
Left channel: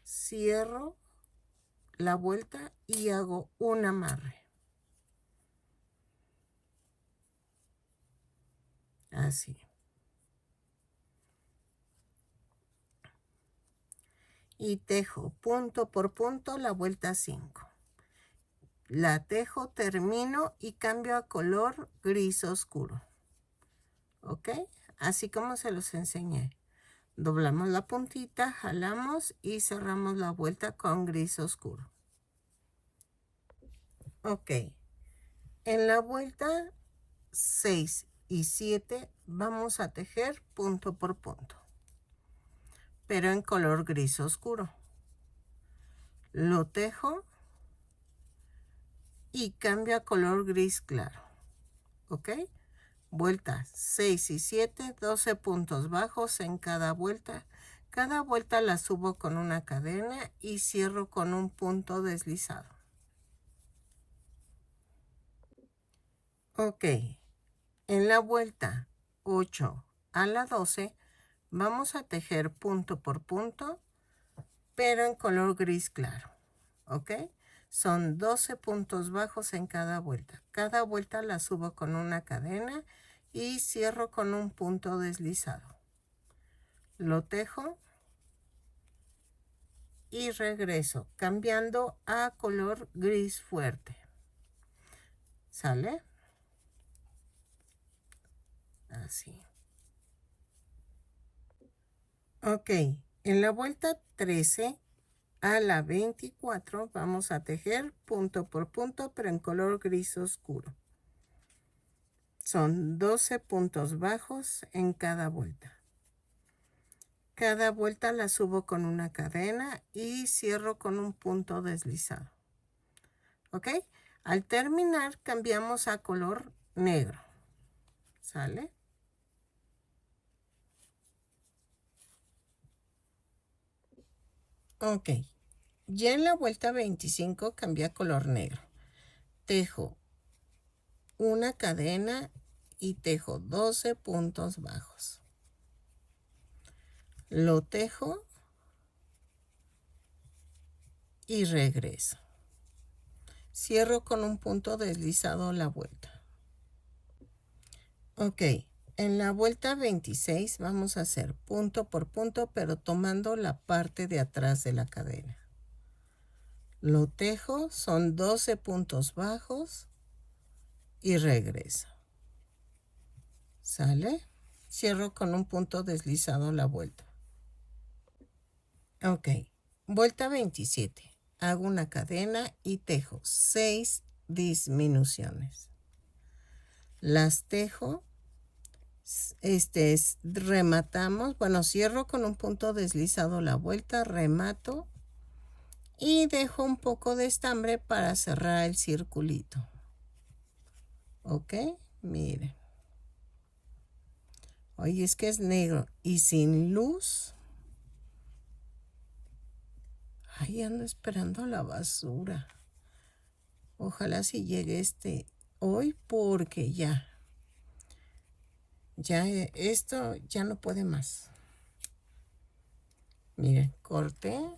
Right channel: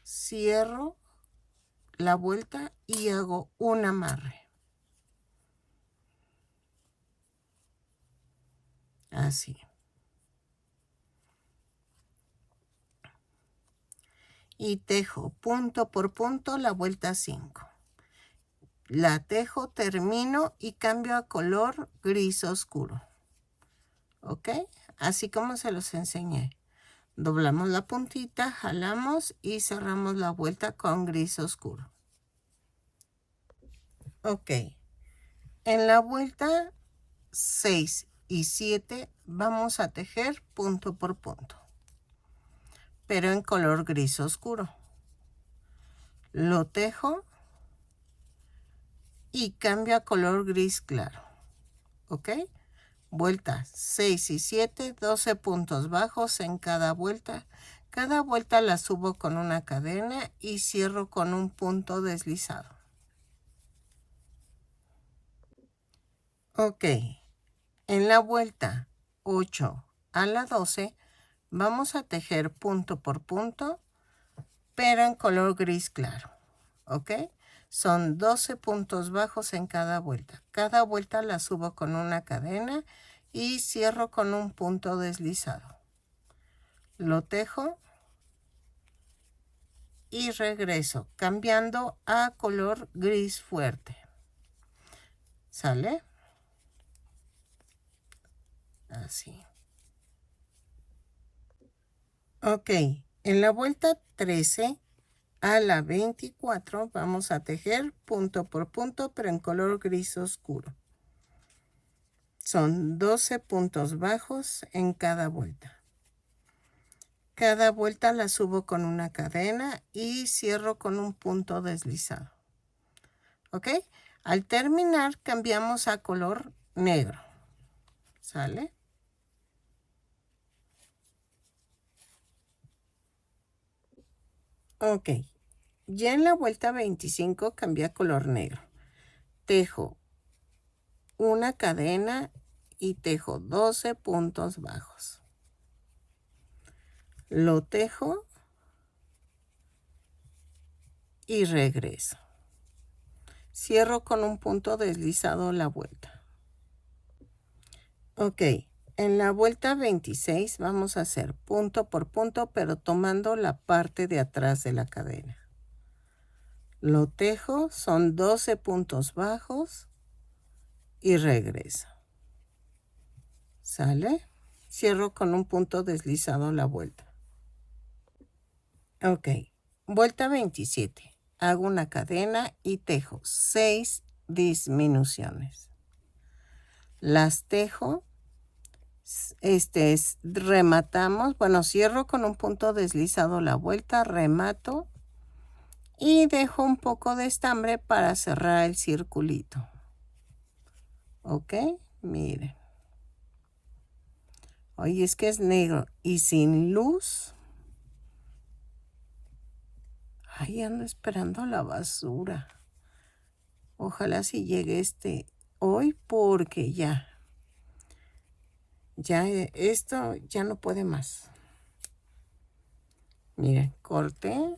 Cierro la vuelta y hago un amarre. Así. Y tejo punto por punto la vuelta 5. La tejo, termino y cambio a color gris oscuro. ¿Ok? Así como se los enseñé. Doblamos la puntita, jalamos y cerramos la vuelta con gris oscuro. Ok. En la vuelta 6 y 7 vamos a tejer punto por punto, pero en color gris oscuro. Lo tejo y cambio a color gris claro. ¿Ok? Vuelta 6 y 7, 12 puntos bajos en cada vuelta. Cada vuelta la subo con una cadena y cierro con un punto deslizado. Ok. En la vuelta 8 a la 12 vamos a tejer punto por punto, pero en color gris claro. ¿Ok? Son 12 puntos bajos en cada vuelta. Cada vuelta la subo con una cadena y cierro con un punto deslizado. Lo tejo y regreso cambiando a color gris fuerte. ¿Sale? Así. Ok, en la vuelta 13 a la 24 vamos a tejer punto por punto, pero en color gris oscuro. Son 12 puntos bajos en cada vuelta. Cada vuelta la subo con una cadena y cierro con un punto deslizado. ¿Ok? Al terminar cambiamos a color negro. ¿Sale? Ok, ya en la vuelta 25 cambia a color negro. Tejo una cadena y tejo 12 puntos bajos. Lo tejo y regreso. Cierro con un punto deslizado la vuelta. Ok, en la vuelta 26 vamos a hacer punto por punto, pero tomando la parte de atrás de la cadena. Lo tejo, son 12 puntos bajos y regreso. ¿Sale? Cierro con un punto deslizado la vuelta. Ok, vuelta 27. Hago una cadena y tejo 6 disminuciones. Las tejo, rematamos, bueno, cierro con un punto deslizado la vuelta, remato y dejo un poco de estambre para cerrar el circulito. Ok, miren. Oye, es que es negro y sin luz. Ay, ando esperando la basura. Ojalá si llegue hoy porque ya esto ya no puede más. Miren, corté,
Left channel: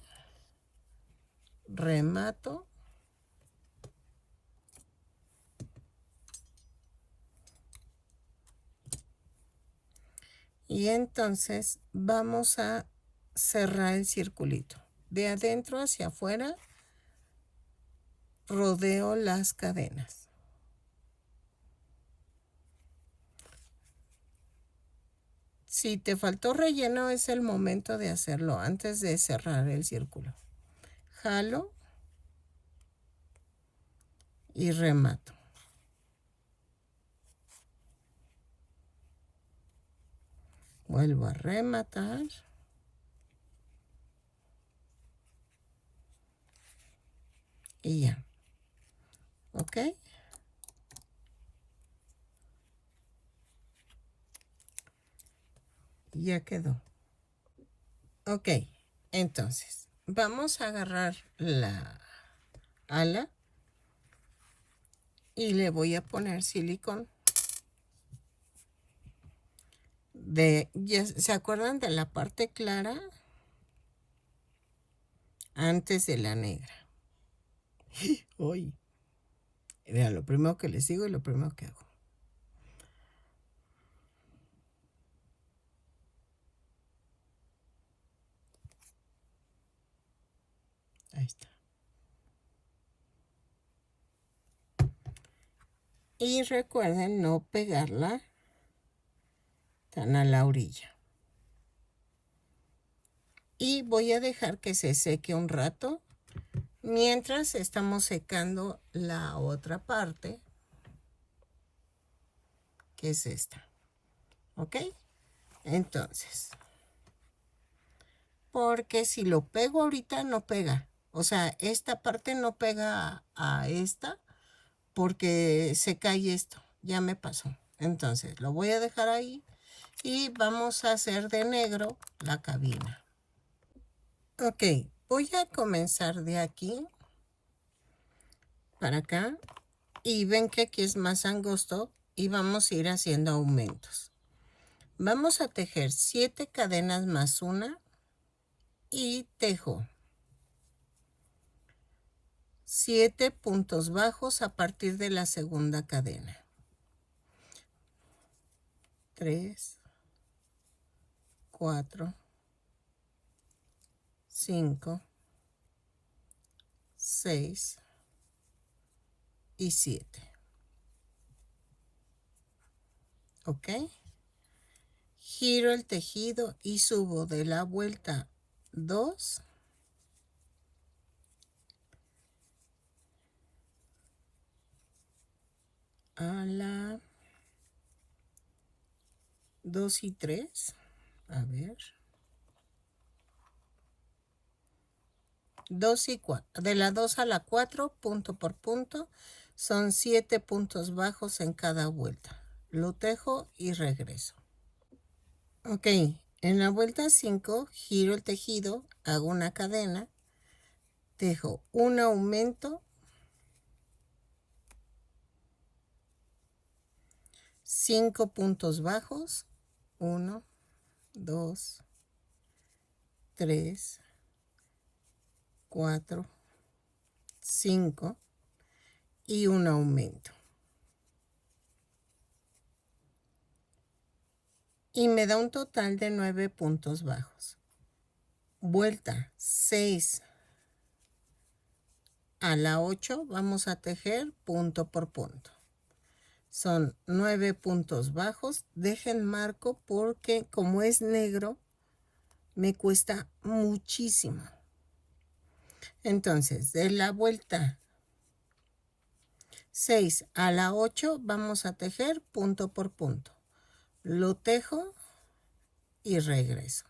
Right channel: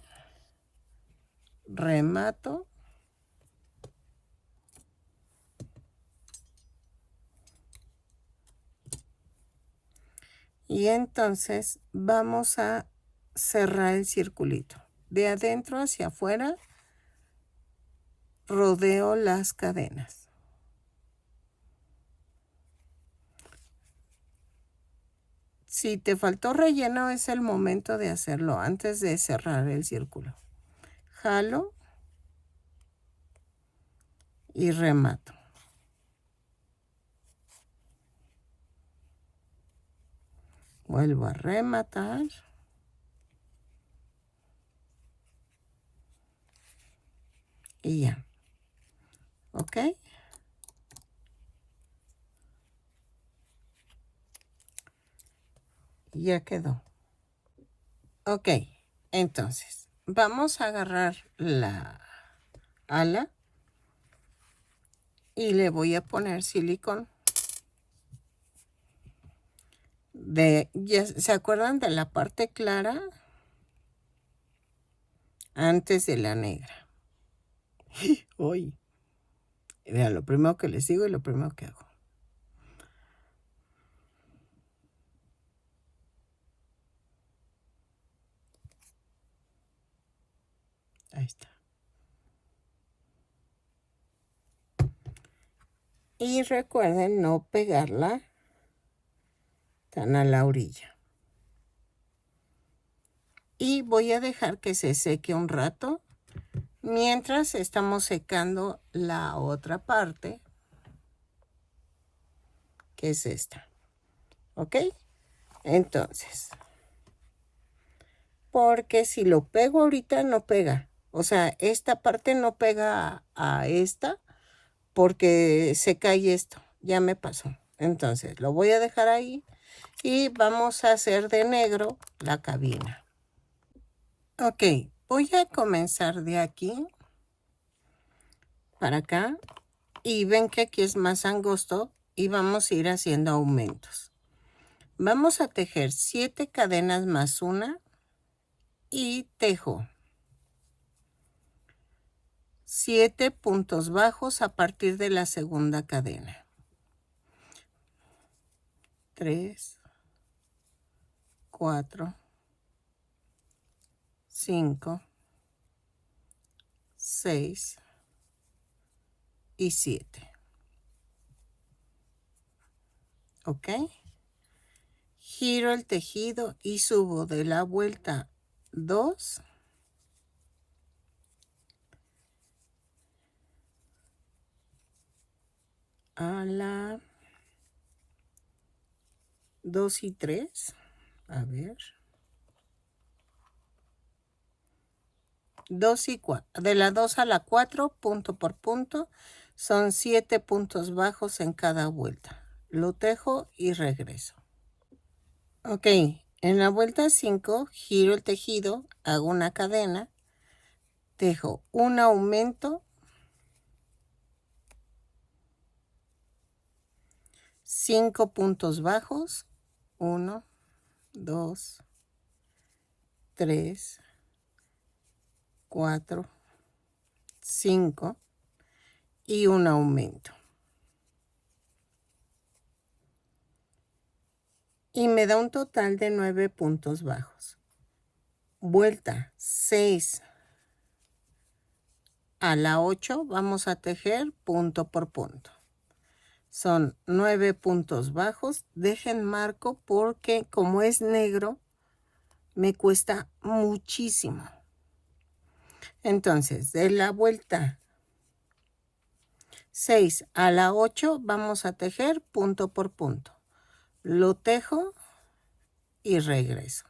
remato. Y entonces vamos a cerrar el circulito. De adentro hacia afuera, rodeo las cadenas. Si te faltó relleno, es el momento de hacerlo antes de cerrar el círculo. Jalo y remato. Vuelvo a rematar. Y ya. ¿Ok? Ya quedó. Ok, entonces vamos a agarrar la ala y le voy a poner silicón. ¿Se acuerdan de la parte clara? Antes de la negra. Uy. Mira, lo primero que les digo y lo primero que hago. Ahí está. Y recuerden no pegarla tan a la orilla. Y voy a dejar que se seque un rato mientras estamos secando la otra parte, que es esta. ¿Ok? Entonces, porque si lo pego ahorita no pega. O sea, esta parte no pega a esta porque se cae esto. Ya me pasó. Entonces, lo voy a dejar ahí y vamos a hacer de negro la cabina. Ok, voy a comenzar de aquí para acá y ven que aquí es más angosto y vamos a ir haciendo aumentos. Vamos a tejer 7 cadenas más una y tejo 7 puntos bajos a partir de la segunda cadena. 3, 4, 5, 6 y 7. ¿Ok? Giro el tejido y subo de la vuelta 2 a la 2 y 3. A ver. 2 y 4. De la 2 a la 4, punto por punto, son 7 puntos bajos en cada vuelta. Lo tejo y regreso. Ok, en la vuelta 5 giro el tejido, hago una cadena tejo un aumento, 5 puntos bajos, 1, 2, 3, 4, 5 y un aumento. Y me da un total de 9 puntos bajos. Vuelta 6 a la 8, vamos a tejer punto por punto. Son 9 puntos bajos. Dejen marco porque como es negro, me cuesta muchísimo. Entonces, de la vuelta 6 a la 8, vamos a tejer punto por punto. Lo tejo y regreso.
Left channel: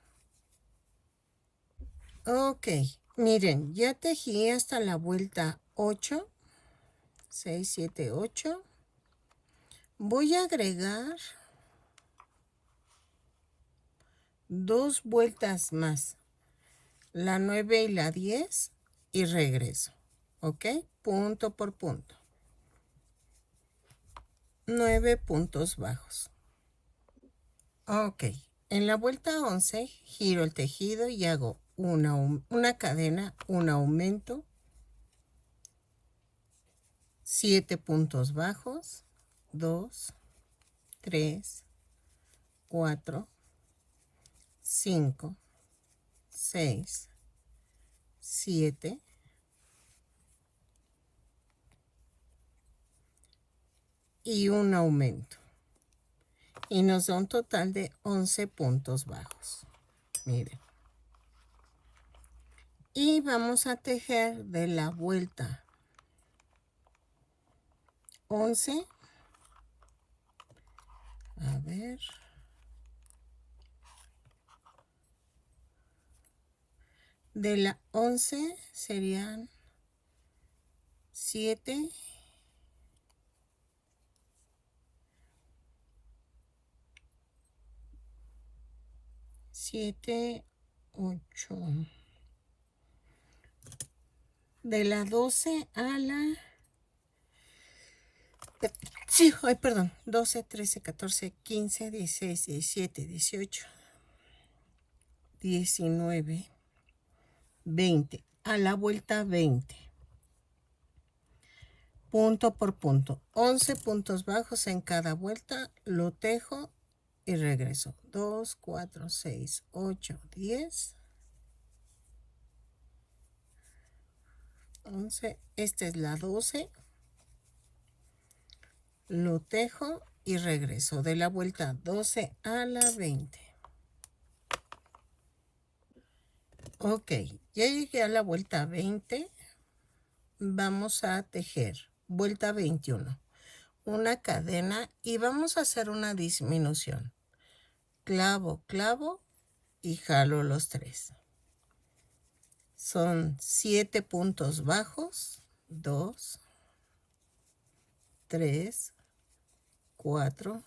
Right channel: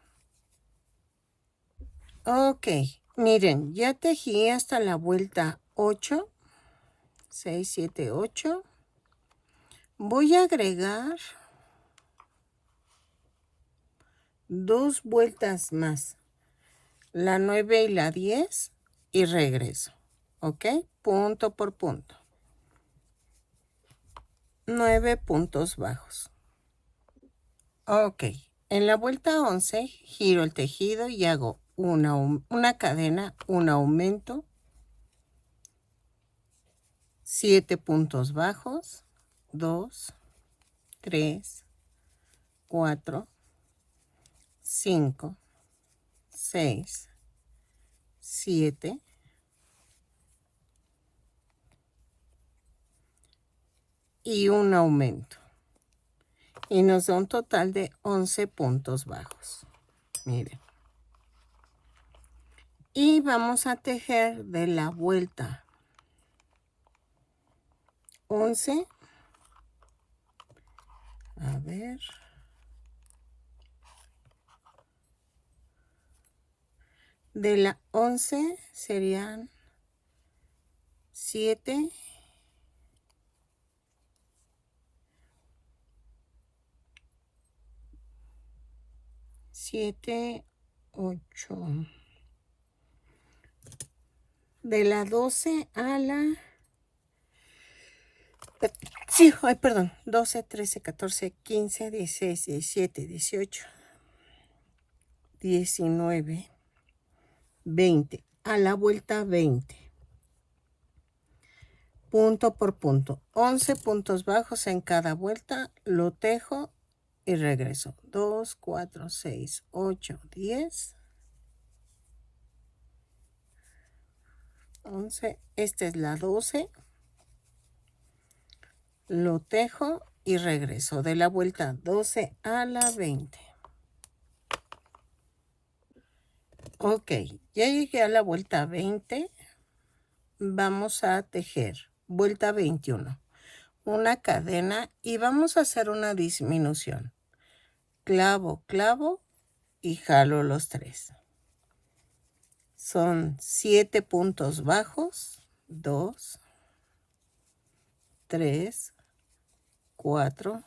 Ok, miren, ya tejí hasta la vuelta 8, 6, 7, 8. Voy a agregar 2 vueltas más, la 9 y la 10, y regreso. Ok, punto por punto. 9 puntos bajos. Ok, en la vuelta 11 giro el tejido y hago una cadena, un aumento, 7 puntos bajos, 2, 3, 4, 5, 6, 7, y un aumento. Y nos da un total de 11 puntos bajos. Miren. Y vamos a tejer de la vuelta 11. A ver. De la 11 serían 7, 7, 8. De la 12 a la... Sí, ay, perdón. 12, 13, 14, 15, 16, 17, 18, 19, 20. A la vuelta 20. Punto por punto. 11 puntos bajos en cada vuelta. Lo tejo y regreso. 2, 4, 6, 8, 10. 11. Esta es la 12. Lo tejo y regreso. De la vuelta 12 a la 20. Ok, ya llegué a la vuelta 20. Vamos a tejer vuelta 21. Una cadena y vamos a hacer una disminución. Clavo, clavo y jalo los 3. Son 7 puntos bajos, 2, 3, 4,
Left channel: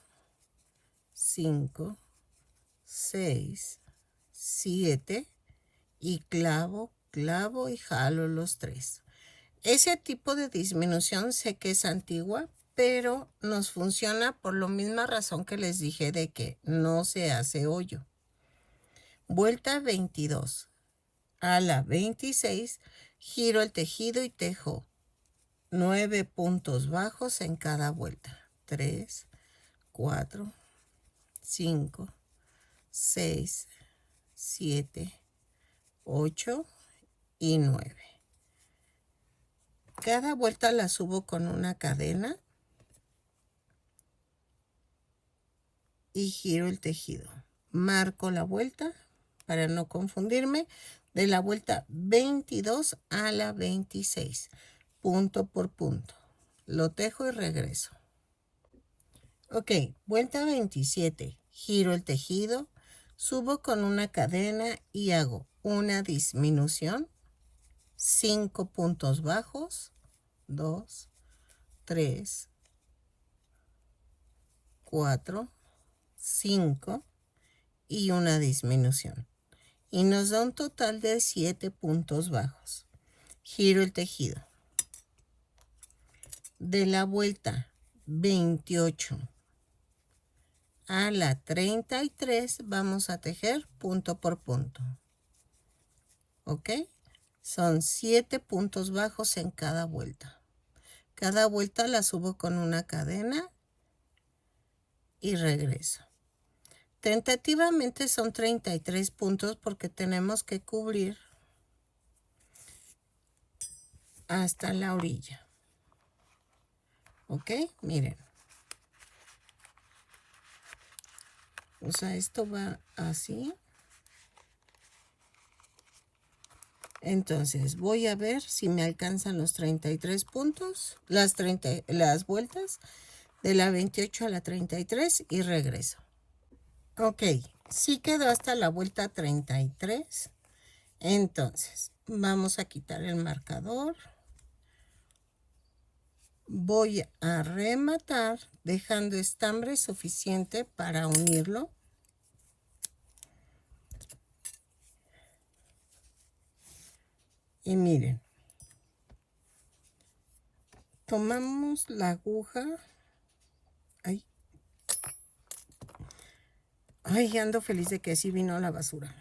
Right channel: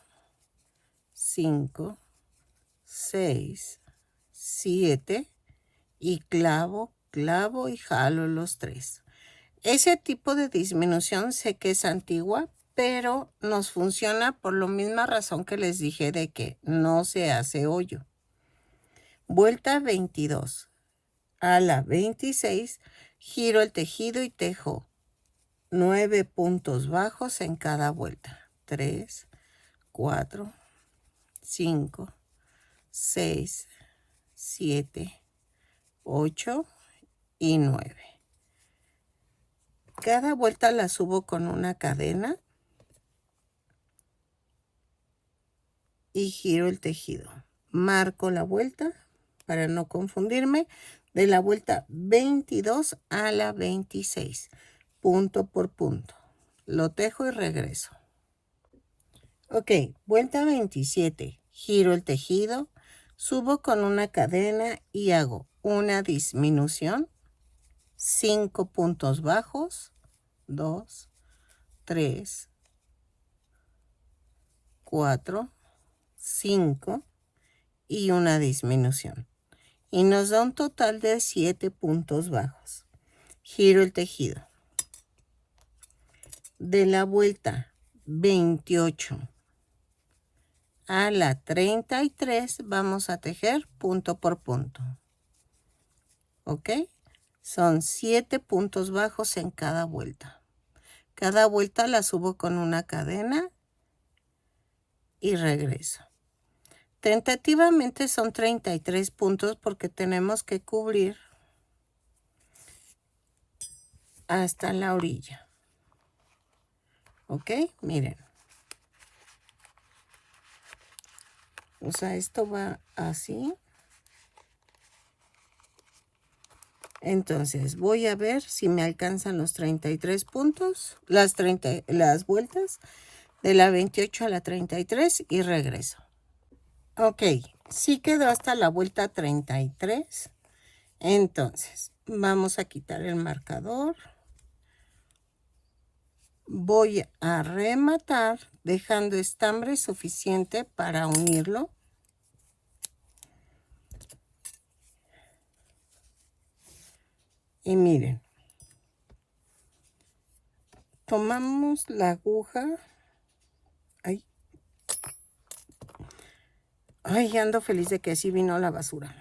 5, 6, 7 y clavo, clavo y jalo los 3. Ese tipo de disminución sé que es antigua, pero nos funciona por la misma razón que les dije de que no se hace hoyo. Vuelta 22. A la 26 giro el tejido y tejo 9 puntos bajos en cada vuelta. 3, 4, 5, 6, 7, 8 y 9. Cada vuelta la subo con una cadena y giro el tejido. Marco la vuelta para no confundirme. De la vuelta 22 a la 26. Punto por punto. Lo tejo y regreso. Ok, vuelta 27. Giro el tejido, subo con una cadena y hago una disminución. 5 puntos bajos. 2, 3, 4, 5 y una disminución. Y nos da un total de 7 puntos bajos. giro el tejido. De la vuelta 28 a la 33 vamos a tejer punto por punto. ¿Ok? Son 7 puntos bajos en cada vuelta. Cada vuelta la subo con una cadena y regreso. Tentativamente son 33 puntos porque tenemos que cubrir hasta la orilla. ¿Ok? Miren. O sea, esto va así. Entonces voy a ver si me alcanzan los 33 puntos, las vueltas de la 28 a la 33 y regreso. Ok, sí quedó hasta la vuelta 33. Entonces vamos a quitar el marcador. Voy a rematar dejando estambre suficiente para unirlo. Y miren, tomamos la aguja. Ay, ando feliz de que sí vino la basura.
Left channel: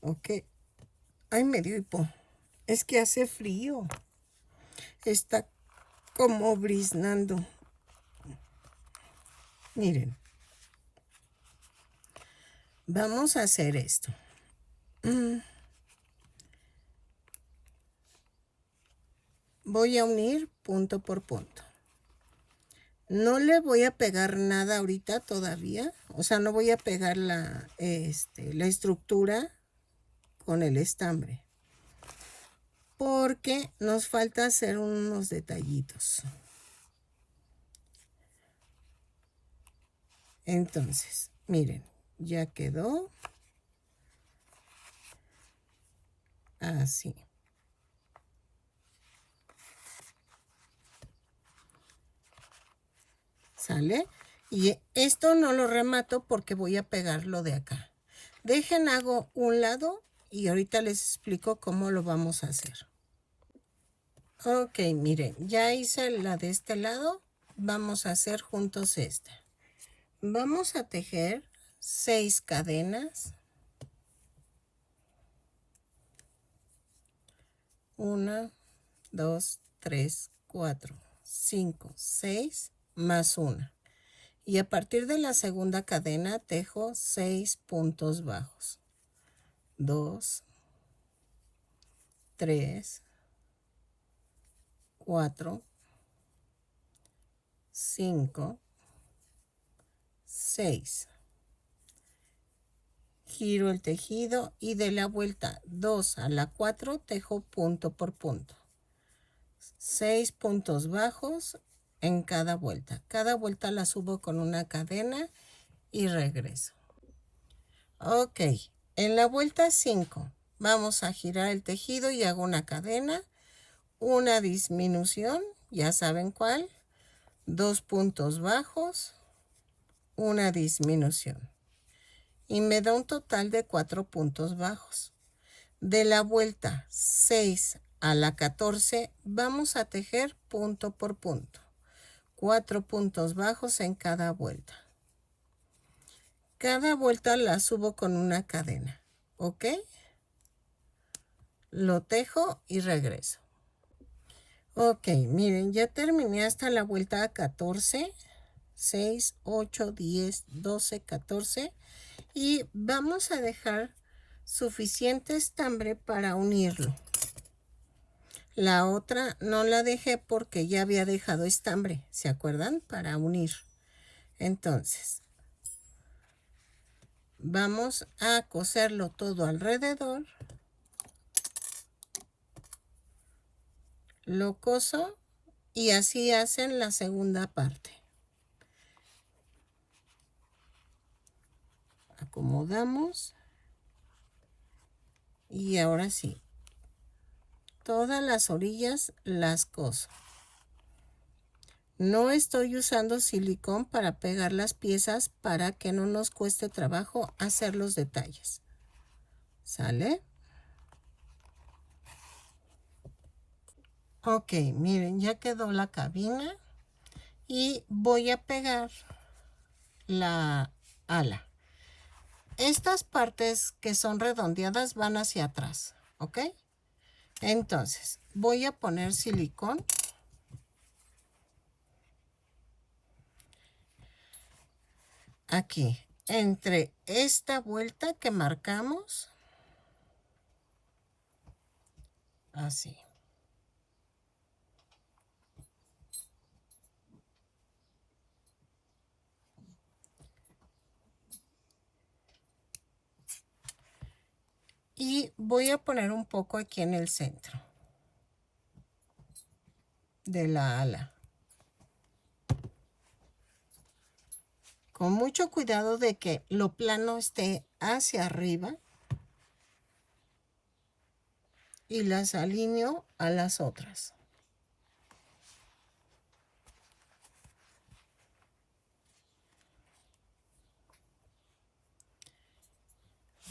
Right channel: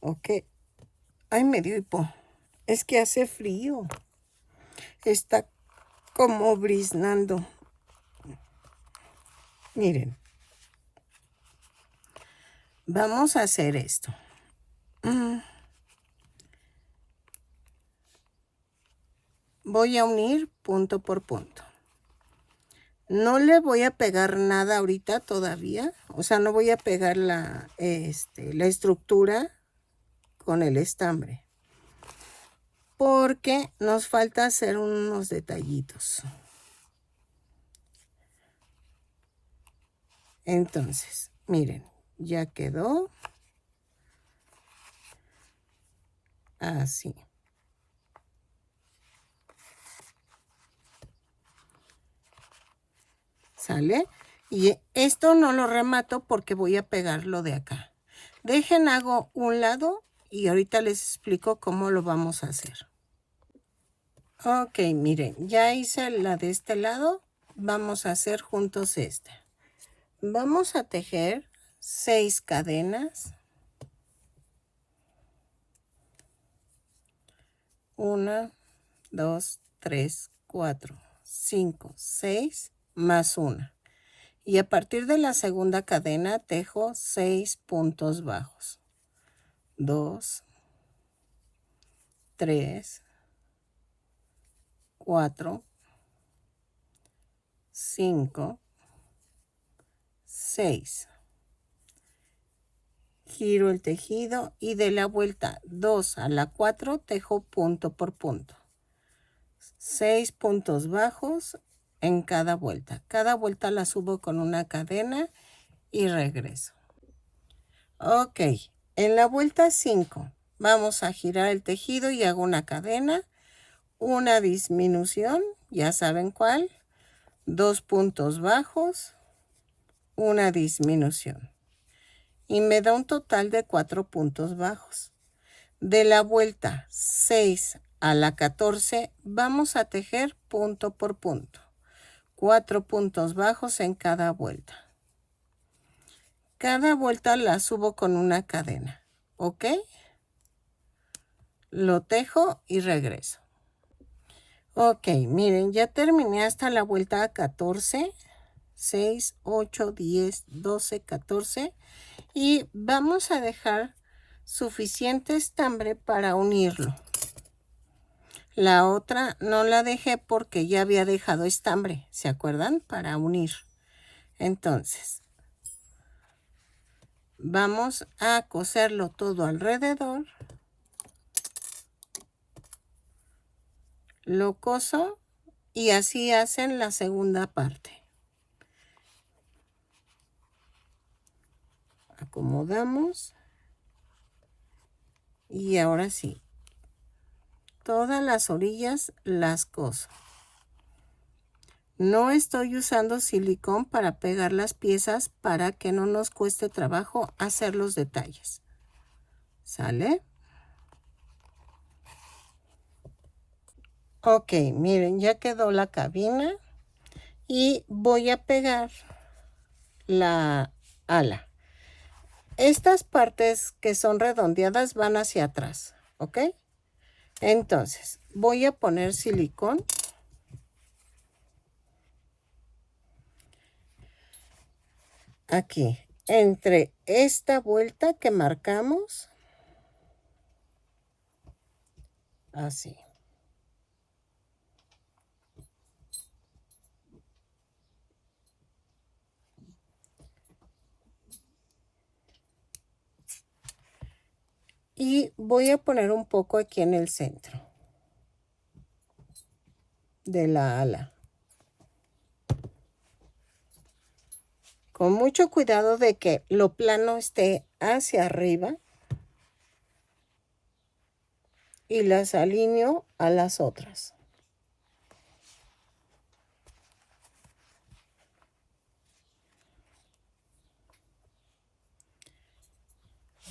Ok. Ay, me dio hipo. Es que hace frío. Está como briznando. Miren. Vamos a hacer esto. Voy a unir punto por punto. No le voy a pegar nada ahorita todavía. O sea, no voy a pegar la estructura con el estambre. Porque nos falta hacer unos detallitos. Entonces, miren, ya quedó. Así. ¿Sale? Y esto no lo remato porque voy a pegarlo de acá. Dejen, hago un lado y ahorita les explico cómo lo vamos a hacer. Ok, miren, ya hice la de este lado. Vamos a hacer juntos esta. Vamos a tejer 6 cadenas. 1, 2, 3, 4, 5, 6 más 1. Y a partir de la segunda cadena tejo 6 puntos bajos. 2, 3, 4, 5, 6. Giro el tejido y de la vuelta 2 a la 4 tejo punto por punto. 6 puntos bajos en cada vuelta. Cada vuelta la subo con una cadena y regreso. Ok, en la vuelta 5 vamos a girar el tejido y hago una cadena, una disminución, ya saben cuál, 2 puntos bajos, una disminución. Y me da un total de 4 puntos bajos. De la vuelta 6 a la 14 vamos a tejer punto por punto. 4 puntos bajos en cada vuelta. Cada vuelta la subo con una cadena. ¿Ok? Lo tejo y regreso. Ok, miren, ya terminé hasta la vuelta 14. 6, 8, 10, 12, 14. Y vamos a dejar suficiente estambre para unirlo. La otra no la dejé porque ya había dejado estambre, ¿se acuerdan? Para unir. Entonces, vamos a coserlo todo alrededor. Lo coso y así hacen la segunda parte. Acomodamos. Y ahora sí. Todas las orillas las coso. No estoy usando silicón para pegar las piezas para que no nos cueste trabajo hacer los detalles. ¿Sale? Ok, miren, ya quedó la cabina y voy a pegar la ala. Estas partes que son redondeadas van hacia atrás, ¿ok? Entonces, voy a poner silicón. Aquí, entre esta vuelta que marcamos, así. Y voy a poner un poco aquí en el centro de la ala. Con mucho cuidado de que lo plano esté hacia arriba. Y las alineo a las otras.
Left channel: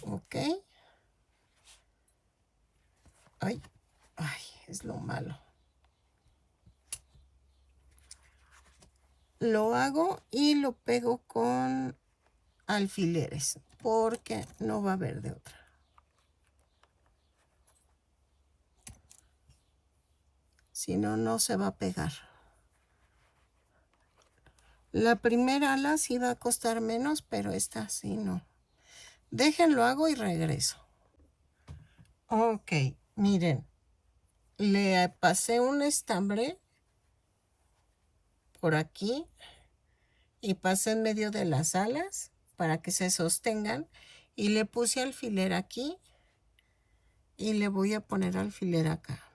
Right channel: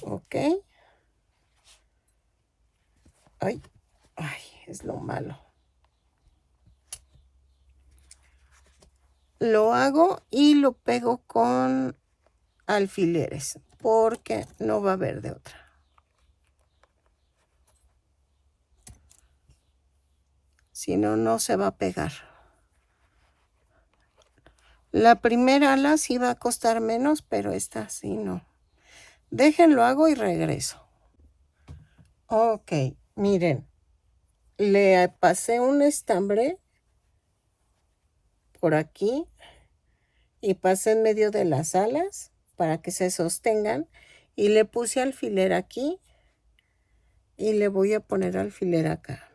Ok. Ay, ay, es lo malo. Lo hago y lo pego con alfileres porque no va a haber de otra. Si no, no se va a pegar. La primera ala sí va a costar menos, pero esta sí no. Déjenlo, hago y regreso. Ok, miren. Le pasé un estambre por aquí y pasé en medio de las alas para que se sostengan y le puse alfiler aquí y le voy a poner alfiler acá.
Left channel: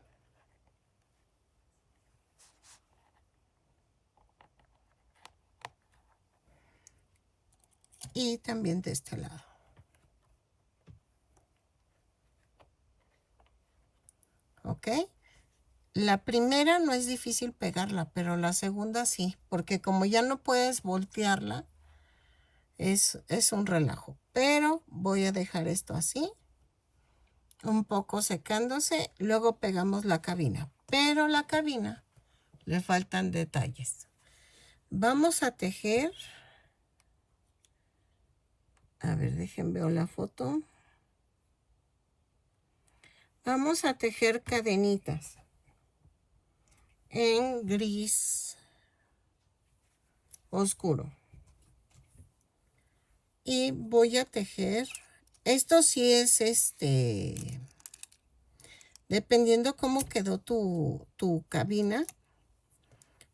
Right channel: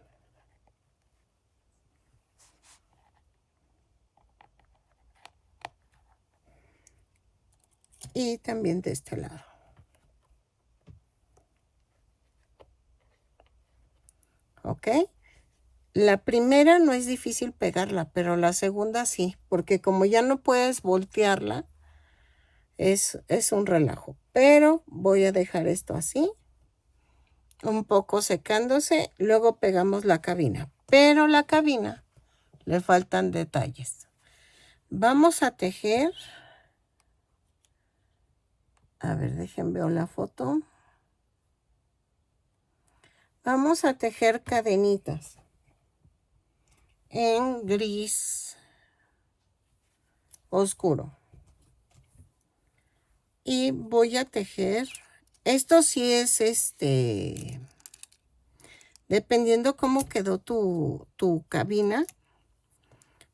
Y también de este lado. ¿Ok? La primera no es difícil pegarla, pero la segunda sí, porque como ya no puedes voltearla, es un relajo. Pero voy a dejar esto así, un poco secándose, luego pegamos la cabina. Pero la cabina le faltan detalles. Vamos a tejer. A ver, déjenme ver la foto. Vamos a tejer cadenitas en gris oscuro. Y voy a tejer. Esto sí es dependiendo cómo quedó tu cabina,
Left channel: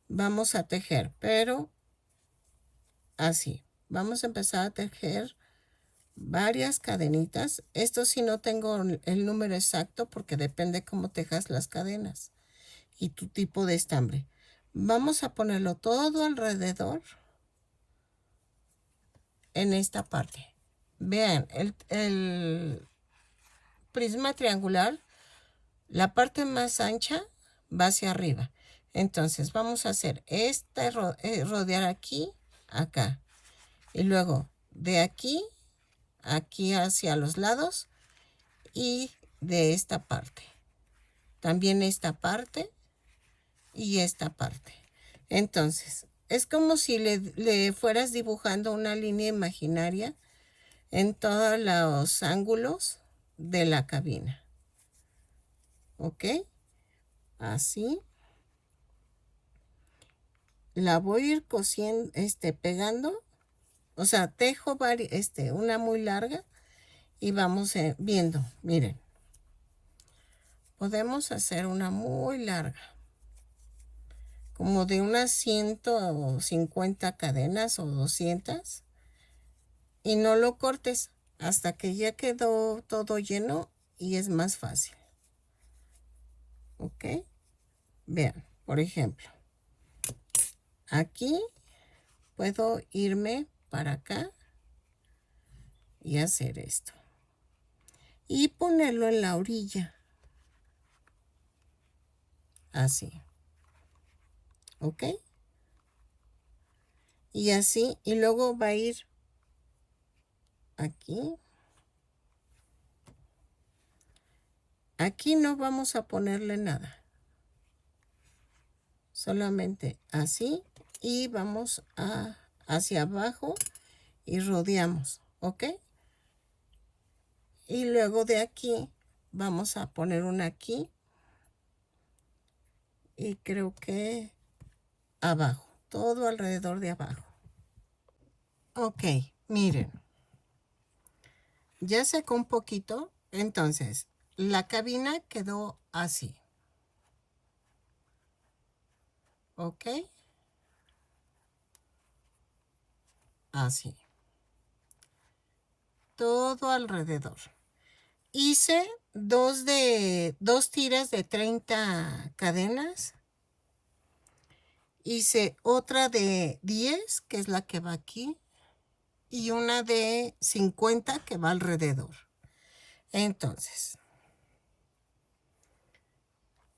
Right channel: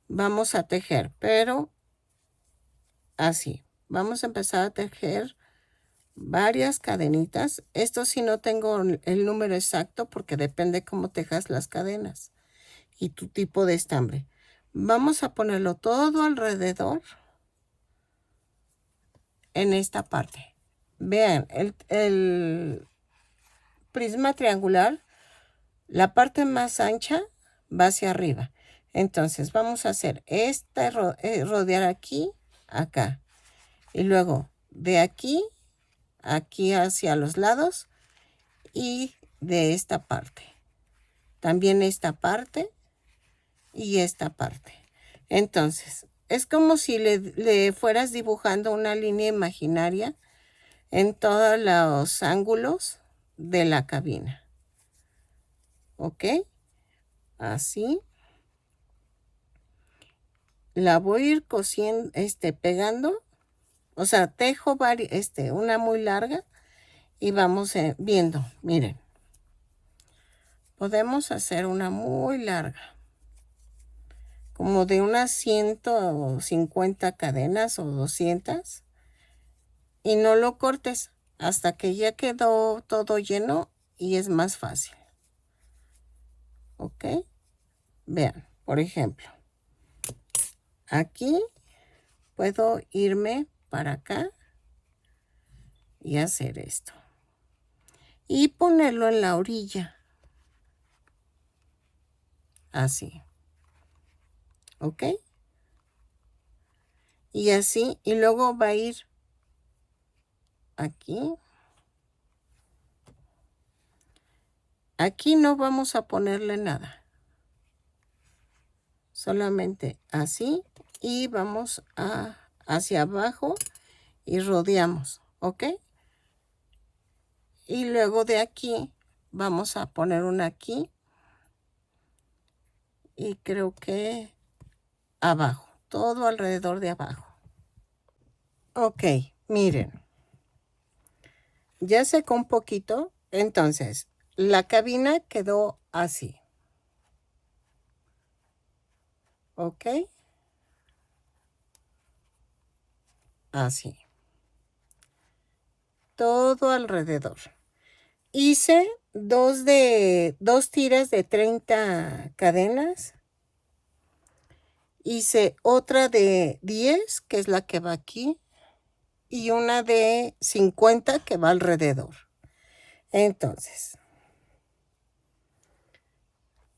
vamos a tejer, pero así. Vamos a empezar a tejer varias cadenitas. Esto sí no tengo el número exacto porque depende cómo tejas las cadenas y tu tipo de estambre. Vamos a ponerlo todo alrededor en esta parte. Vean, el prisma triangular, la parte más ancha va hacia arriba. Entonces vamos a hacer rodear aquí, acá. Y luego de aquí, aquí hacia los lados y de esta parte. También esta parte y esta parte. Entonces, es como si le fueras dibujando una línea imaginaria en todos los ángulos de la cabina. ¿Ok? Así. La voy a ir cosiendo, pegando. O sea, tejo una muy larga y vamos viendo. Miren. Podemos hacer una muy larga. Como de unas 150 cadenas o 200. Y no lo cortes hasta que ya quedó todo lleno y es más fácil. ¿Ok? Vean, por ejemplo, aquí puedo irme para acá y hacer esto. Y ponerlo en la orilla. Así. ¿Ok? Y así, y luego va a ir aquí. Aquí no vamos a ponerle nada. solamente así, y vamos hacia abajo y rodeamos, ¿ok? Y luego de aquí vamos a poner una aquí y creo que abajo, todo alrededor de abajo. Ok, miren, ya secó un poquito, entonces la cabina quedó así, ¿ok? Así, todo alrededor. Hice dos tiras de 30 cadenas. Hice otra de 10, que es la que va aquí, y una de 50 que va alrededor. Entonces,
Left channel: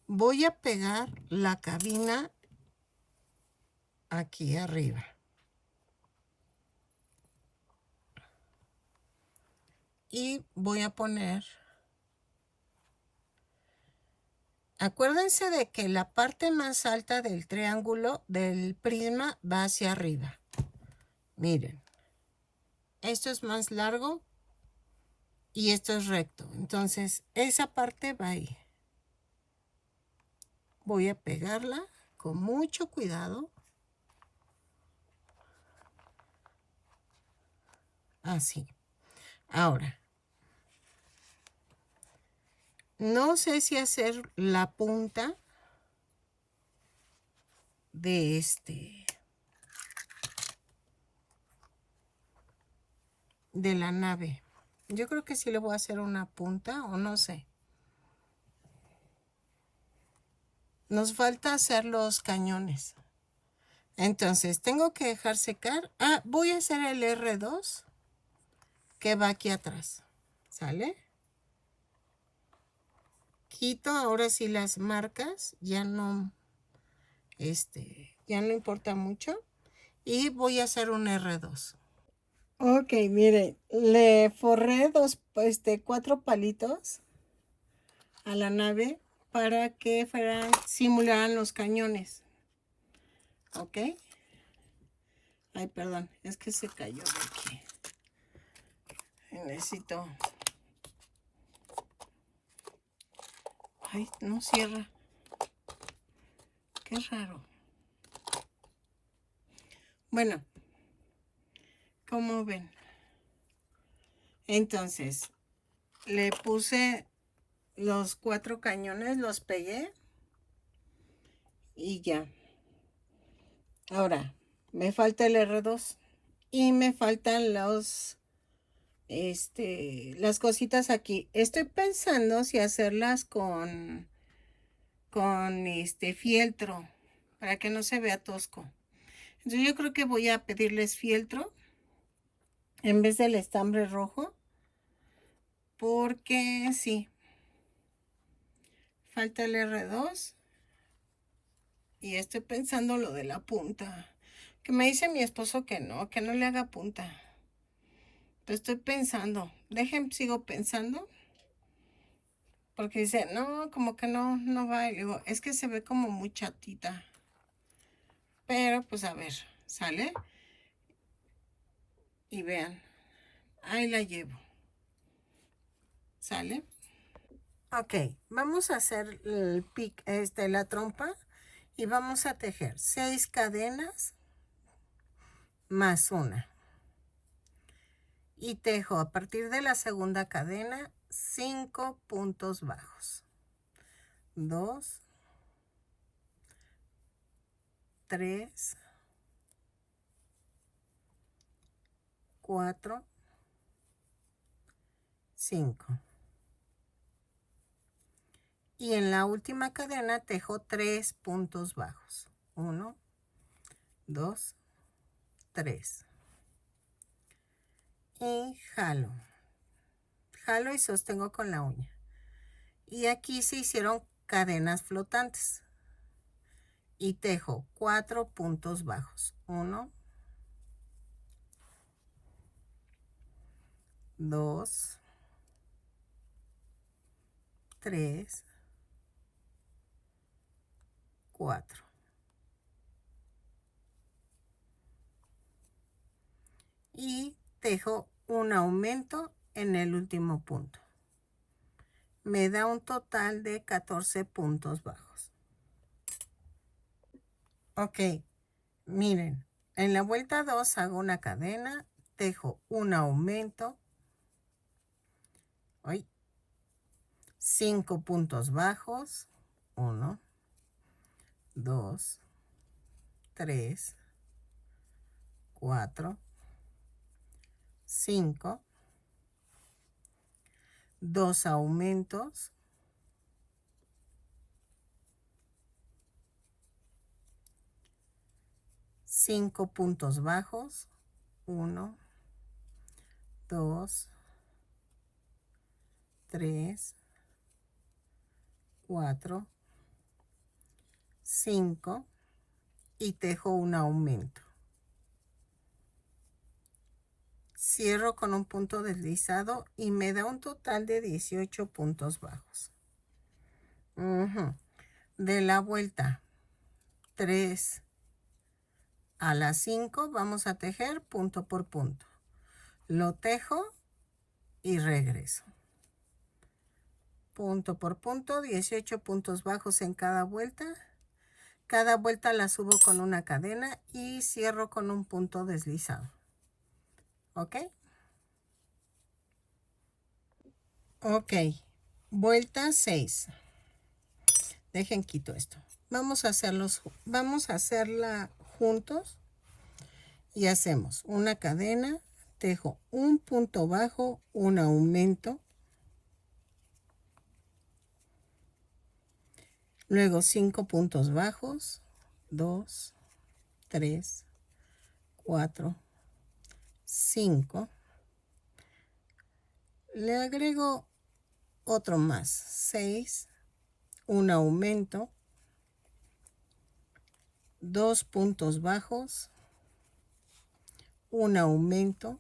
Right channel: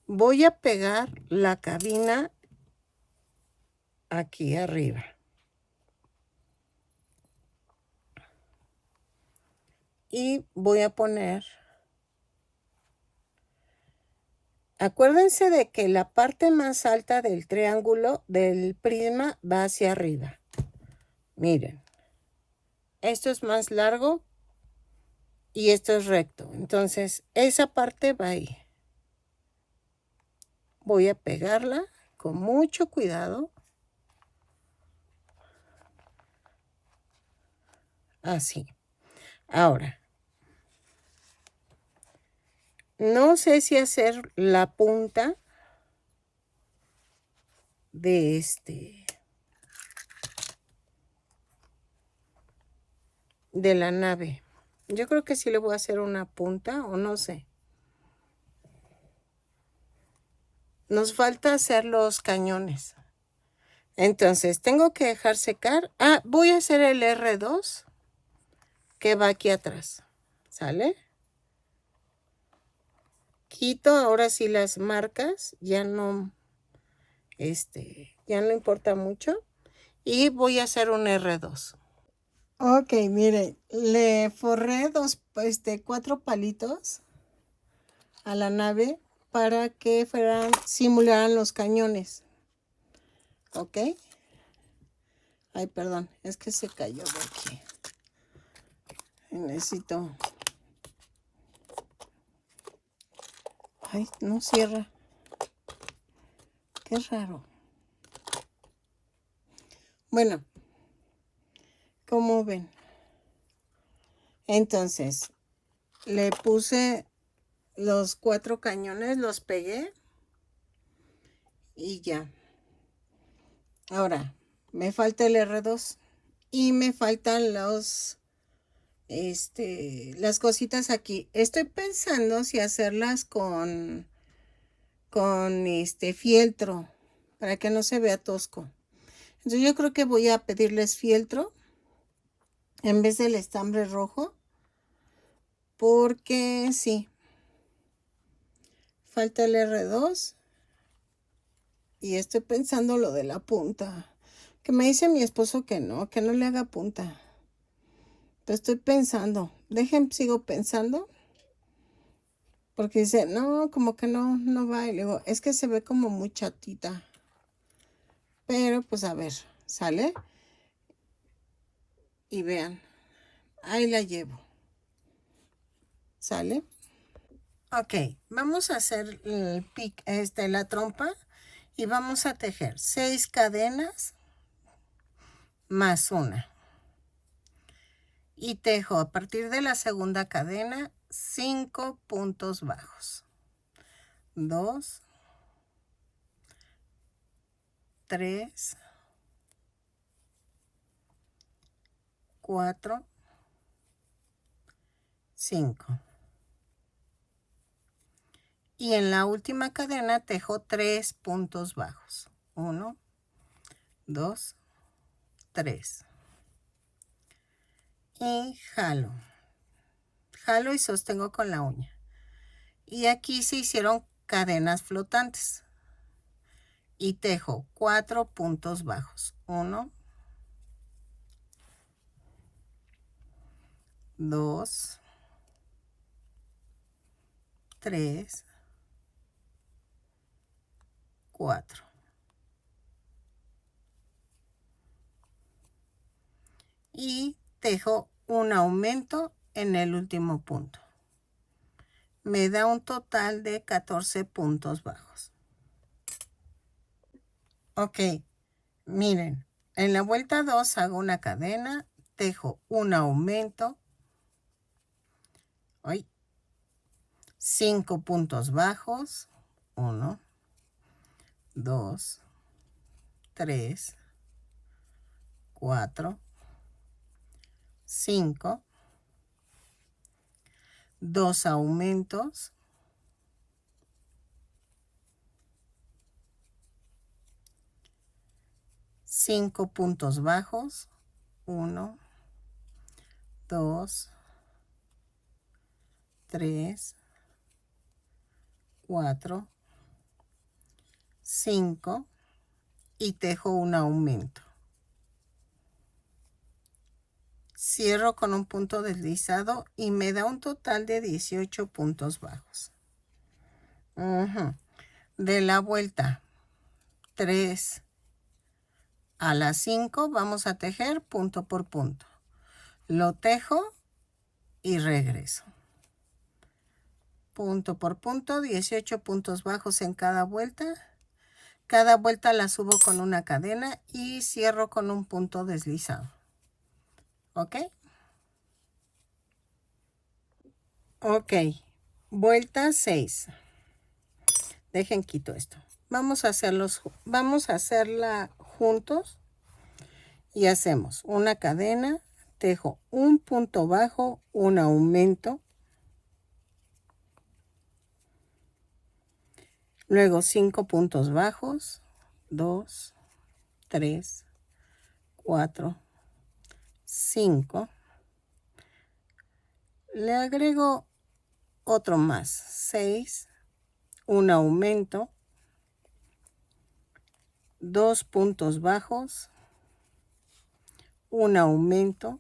voy a pegar la cabina aquí arriba. Y voy a poner, acuérdense de que la parte más alta del triángulo del prisma va hacia arriba. Miren, esto es más largo y esto es recto. Entonces, esa parte va ahí. Voy a pegarla con mucho cuidado. Así. Ahora, no sé si hacer la punta de de la nave. Yo creo que sí le voy a hacer una punta o no sé. Nos falta hacer los cañones. Entonces, tengo que dejar secar. Voy a hacer el R2 que va aquí atrás. ¿Sale? Quito ahora sí las marcas. Ya no importa mucho. Y voy a hacer un R2. Ok, miren, le forré 4 palitos a la nave para que simularan los cañones. Ok. Ay, perdón, es que se cayó de aquí. Necesito. Ay, no cierra. Qué raro. Bueno, ¿cómo ven? Entonces, le puse los 4 cañones, los pegué y ya. Ahora, me falta el R2 y me faltan las cositas aquí. Estoy pensando si hacerlas con fieltro para que no se vea tosco. Entonces yo creo que voy a pedirles fieltro en vez del estambre rojo, porque sí, falta el R2 y estoy pensando lo de la punta, que me dice mi esposo que no le haga punta. Entonces estoy pensando, sigo pensando, porque dice, no, como que no va, y le digo, es que se ve como muy chatita, pero pues a ver, sale, y vean, ahí la llevo, sale. Ok, vamos a hacer la trompa y vamos a tejer 6 cadenas más una. Y tejo a partir de la segunda cadena 5 puntos bajos. 2, 3, 4, 5. Y en la última cadena tejo 3 puntos bajos. 1, 2, 3. Y jalo. Jalo y sostengo con la uña. Y aquí se hicieron cadenas flotantes. Y tejo 4 puntos bajos. 1, 2, 3, 4. y tejo un aumento en el último punto. Me da un total de 14 puntos bajos. Ok, miren, en la vuelta 2 hago una cadena, tejo un aumento, 5 puntos bajos, 1, 2, 3, 4, 5, 2 aumentos, 5 puntos bajos, 1, 2, 3, 4, 5 y tejo un aumento. Cierro con un punto deslizado y me da un total de 18 puntos bajos. De la vuelta 3 a la 5 vamos a tejer punto por punto. Lo tejo y regreso. Punto por punto, 18 puntos bajos en cada vuelta. Cada vuelta la subo con una cadena y cierro con un punto deslizado. ¿Ok? Ok. Vuelta 6. Dejen quito esto. Vamos a hacerla juntos y hacemos una cadena, tejo un punto bajo, un aumento, luego 5 puntos bajos, 2, 3, 4, 5. Le agrego otro más, 6, un aumento, 2 puntos bajos, un aumento,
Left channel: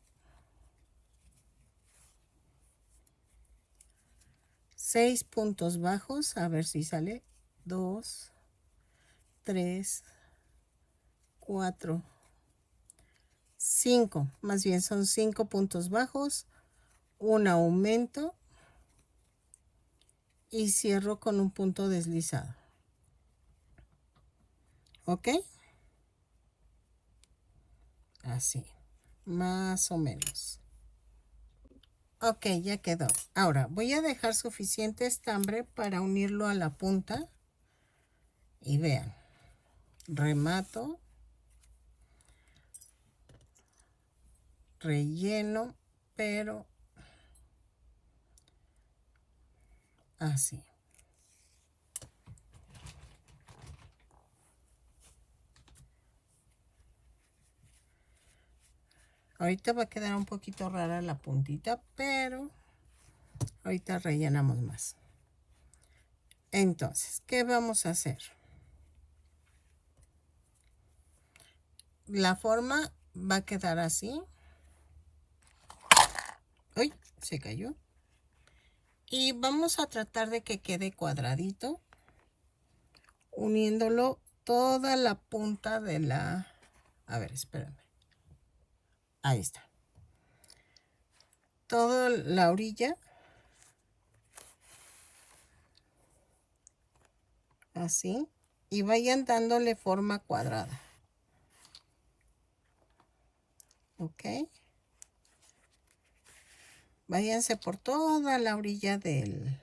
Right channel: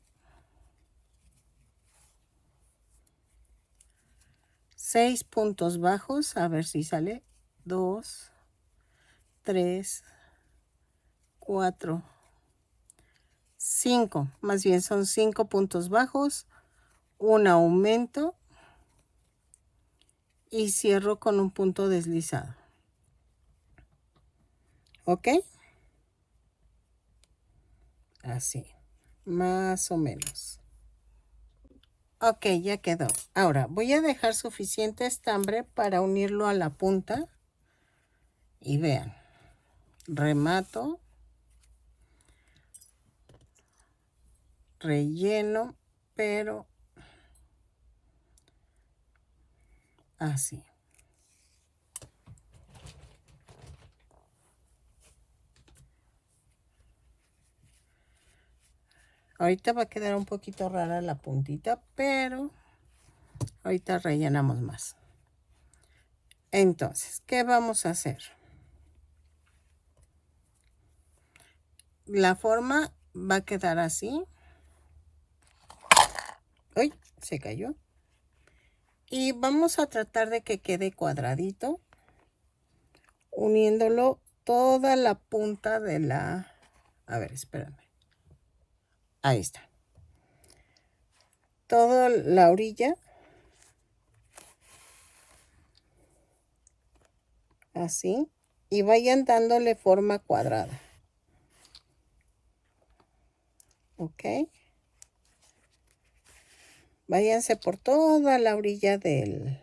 6 puntos bajos, a ver si sale, 2, 3, 4, 5, más bien son 5 puntos bajos, un aumento y cierro con un punto deslizado. ¿Ok? Así, más o menos. Ok, ya quedó. Ahora voy a dejar suficiente estambre para unirlo a la punta. Y vean, remato, relleno, pero así. Ahorita va a quedar un poquito rara la puntita, pero ahorita rellenamos más. Entonces, ¿qué vamos a hacer? La forma va a quedar así. ¡Uy! Se cayó. Y vamos a tratar de que quede cuadradito, uniéndolo toda la punta de la... A ver, espérame. Ahí está. Toda la orilla. Así. Y vayan dándole forma cuadrada. ¿Ok? Váyanse por toda la orilla de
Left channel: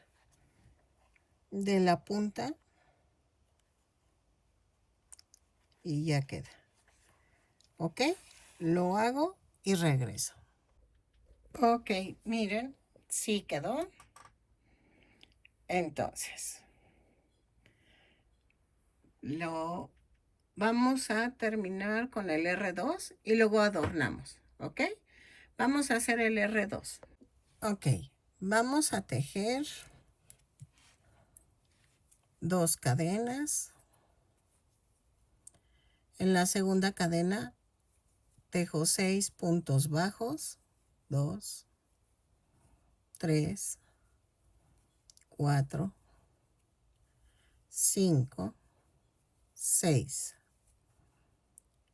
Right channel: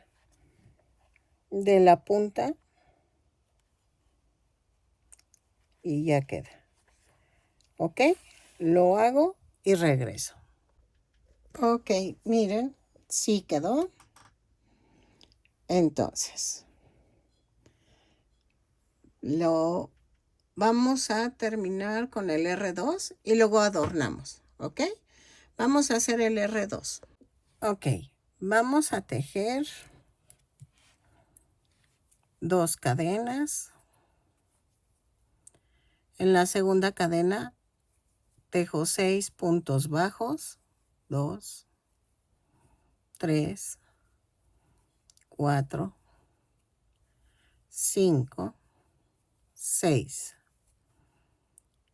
la punta. Y ya queda. ¿Ok? Lo hago y regreso. Ok, miren, sí quedó. Entonces, lo vamos a terminar con el R2 y luego adornamos. ¿Ok? Vamos a hacer el R2. Ok, vamos a tejer 2 cadenas. En la segunda cadena tejo 6 puntos bajos, 2, 3, 4, 5, 6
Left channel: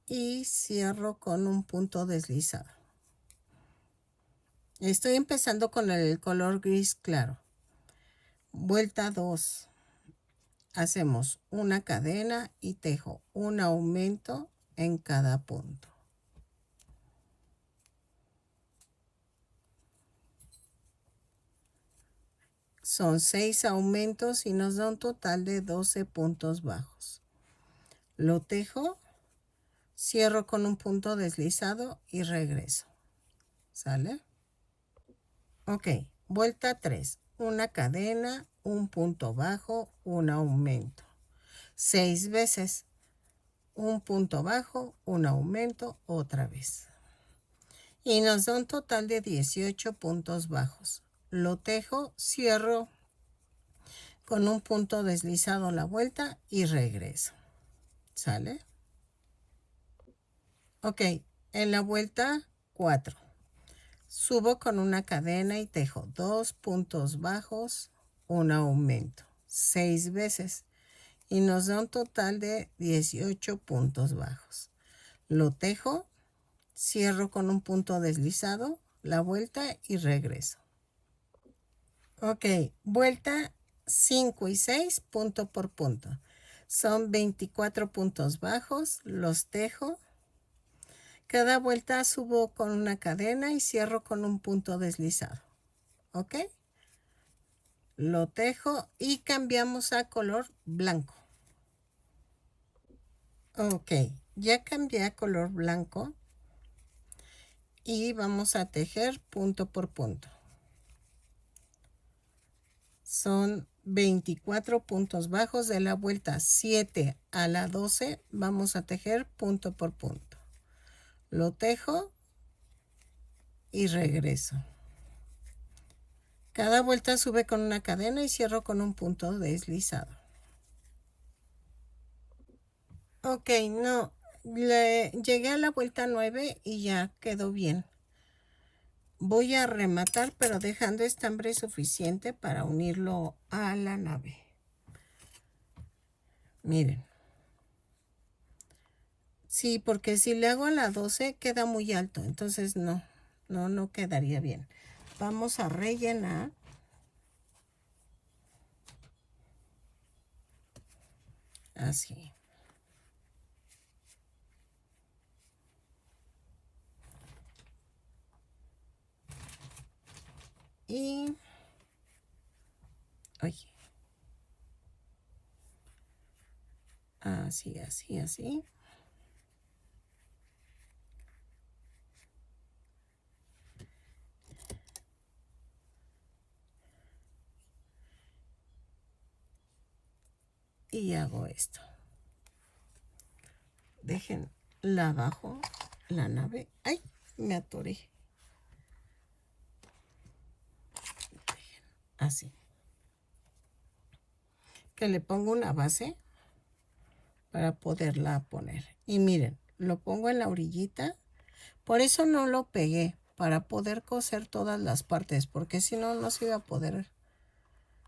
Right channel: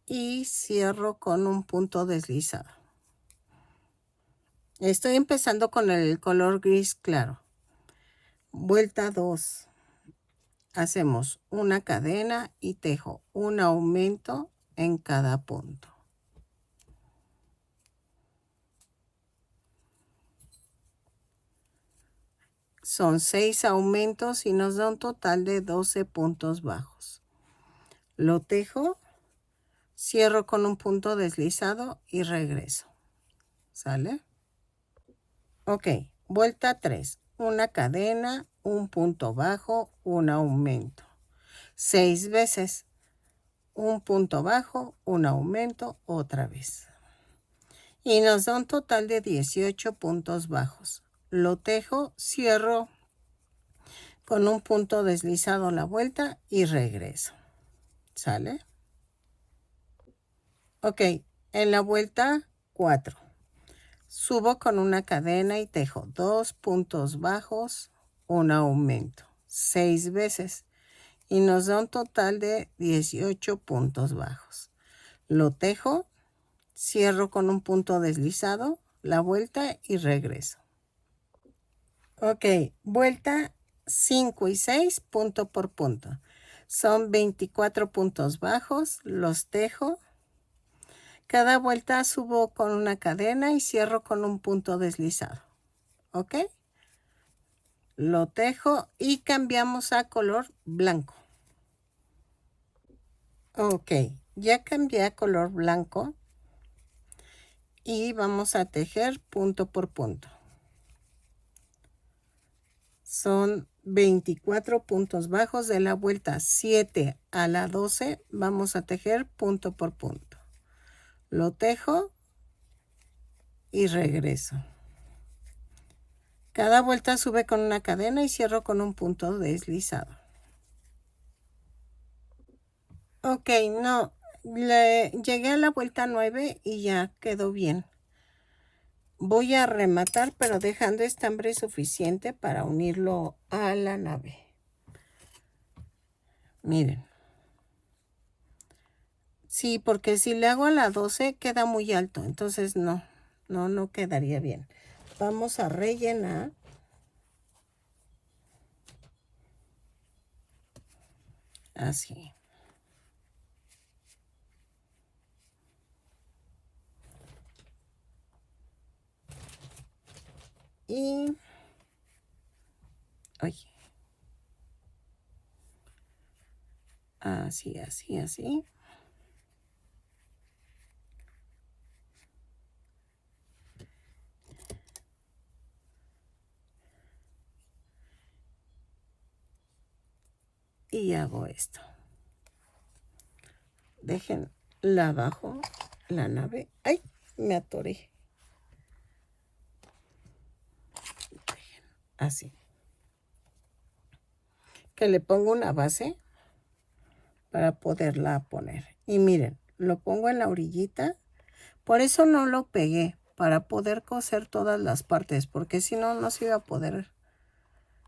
y cierro con un punto deslizado. Estoy empezando con el color gris claro. Vuelta 2. Hacemos una cadena y tejo un aumento en cada punto. Son 6 aumentos y nos da un total de 12 puntos bajos. Lo tejo, cierro con un punto deslizado y regreso. ¿Sale? Ok, vuelta 3. Una cadena, un punto bajo, un aumento. 6 veces. Un punto bajo, un aumento, otra vez. Y nos da un total de 18 puntos bajos. Lo tejo, cierro con un punto deslizado la vuelta y regreso. ¿Sale? Ok, en la vuelta 4. Subo con una cadena y tejo 2 puntos bajos, un aumento. 6 veces. Y nos da un total de 18 puntos bajos. Lo tejo, cierro con un punto deslizado, la vuelta y regreso. Ok, vuelta 5 y 6, punto por punto. Son 24 puntos bajos, los tejo. Cada vuelta subo con una cadena y cierro con un punto deslizado. ¿Ok? Lo tejo y cambiamos a color blanco. Ok, ya cambié a color blanco y vamos a tejer punto por punto. Son 24 puntos bajos de la vuelta 7 a la 12. Vamos a tejer punto por punto. Lo tejo y regreso. Cada vuelta sube con una cadena y cierro con un punto deslizado. Ok, no, llegué a la vuelta 9 y ya quedó bien. Voy a rematar, pero dejando estambre suficiente para unirlo a la nave. Miren. Sí, porque si le hago a la 12 queda muy alto, entonces no quedaría bien. Vamos a rellenar. Así. Y... oye. Así, así, así. Y hago esto. Dejen la abajo, la nave. ¡Ay! Me atoré. Así. Que le pongo una base para poderla poner. Y miren, lo pongo en la orillita. Por eso no lo pegué, para poder coser todas las partes, porque si no, no se iba a poder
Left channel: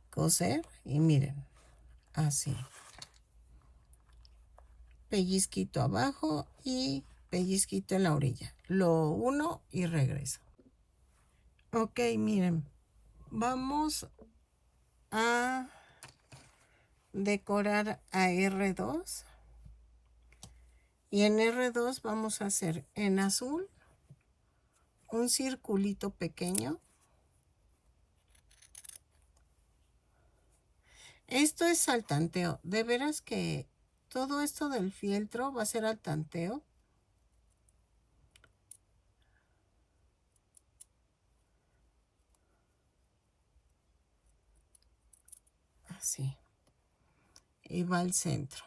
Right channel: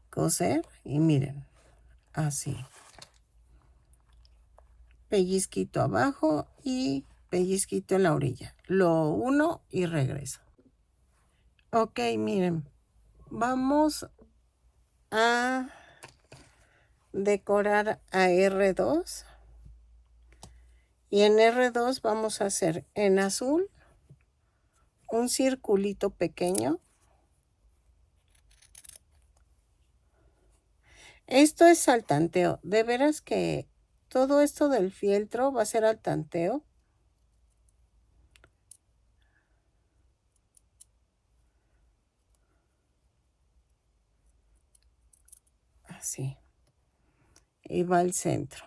coser. Y miren, así. Pellizquito abajo y pellizquito en la orilla. Lo uno y regreso. Ok, miren. Vamos a decorar a R2. Y en R2 vamos a hacer en azul un circulito pequeño. Esto es al tanteo. De veras que todo esto del fieltro va a ser al tanteo. Así. Y va al centro.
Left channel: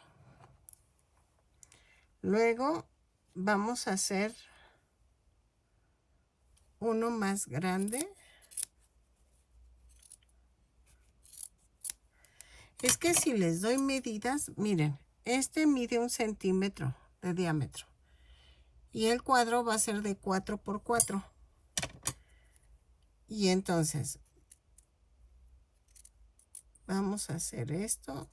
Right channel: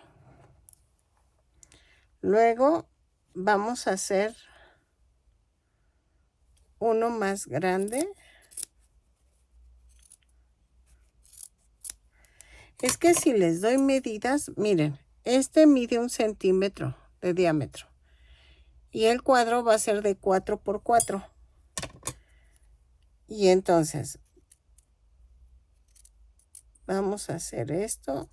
Luego vamos a hacer uno más grande. Es que si les doy medidas, miren, este mide 1 centímetro de diámetro. Y el cuadro va a ser de 4 por 4. Y entonces, vamos a hacer esto.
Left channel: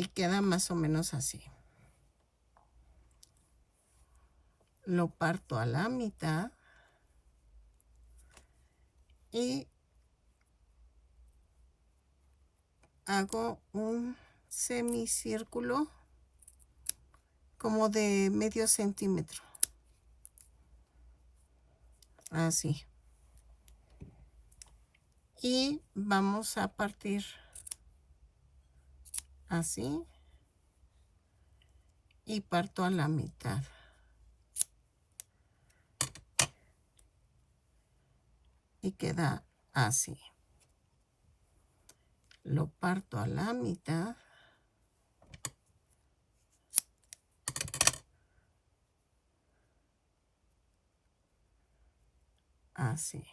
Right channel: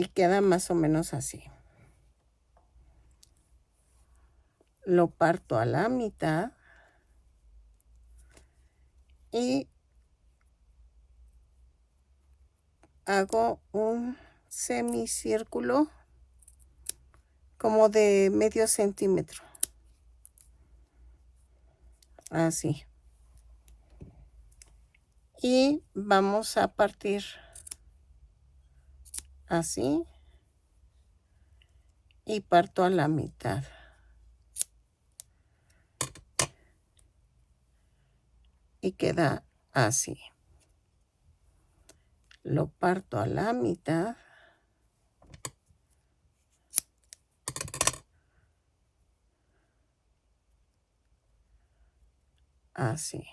y queda más o menos así. Lo parto a la mitad y hago un semicírculo como de medio centímetro. Así. Y vamos a partir así. Y parto a la mitad. Y queda así. Lo parto a la mitad. Así.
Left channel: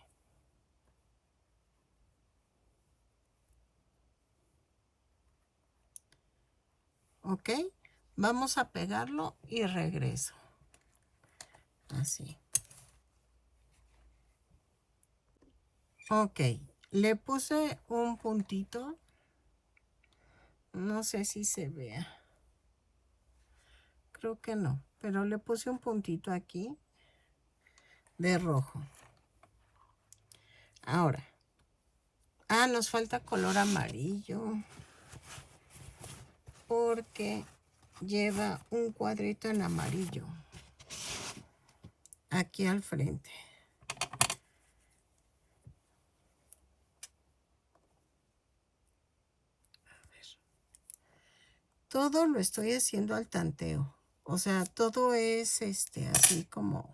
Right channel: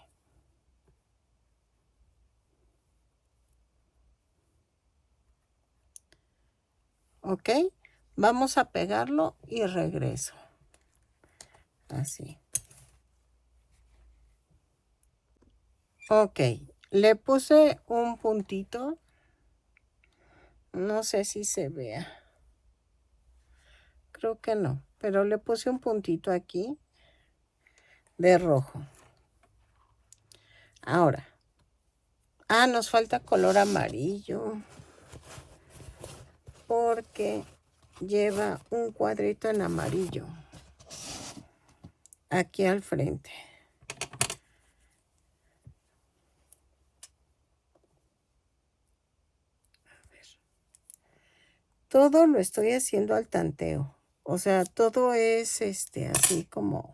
¿Ok? Vamos a pegarlo y regreso. Así. Ok. Le puse un puntito. No sé si se vea. Creo que no. Pero le puse un puntito aquí de rojo. Ahora. Nos falta color amarillo. Porque lleva un cuadrito en amarillo. Aquí al frente. Todo lo estoy haciendo al tanteo. O sea, todo es así como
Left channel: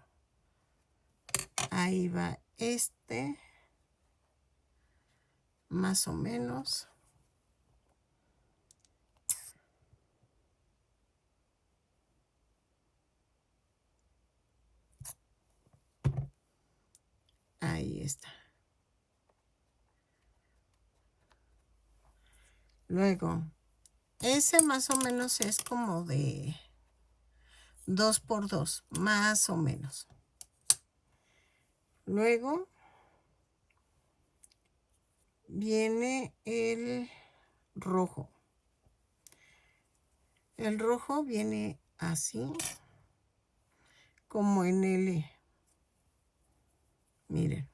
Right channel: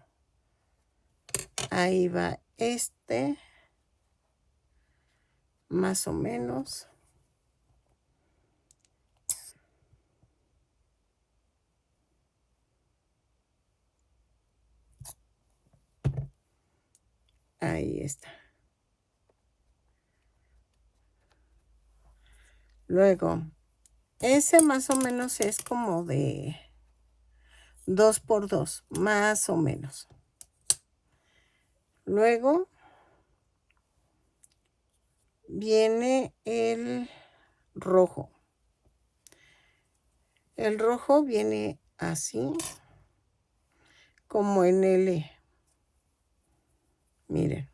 ahí va más o menos. Ahí está. Luego, ese más o menos es como de 2 por 2, más o menos. Luego viene el rojo. El rojo viene así, como en L. Miren.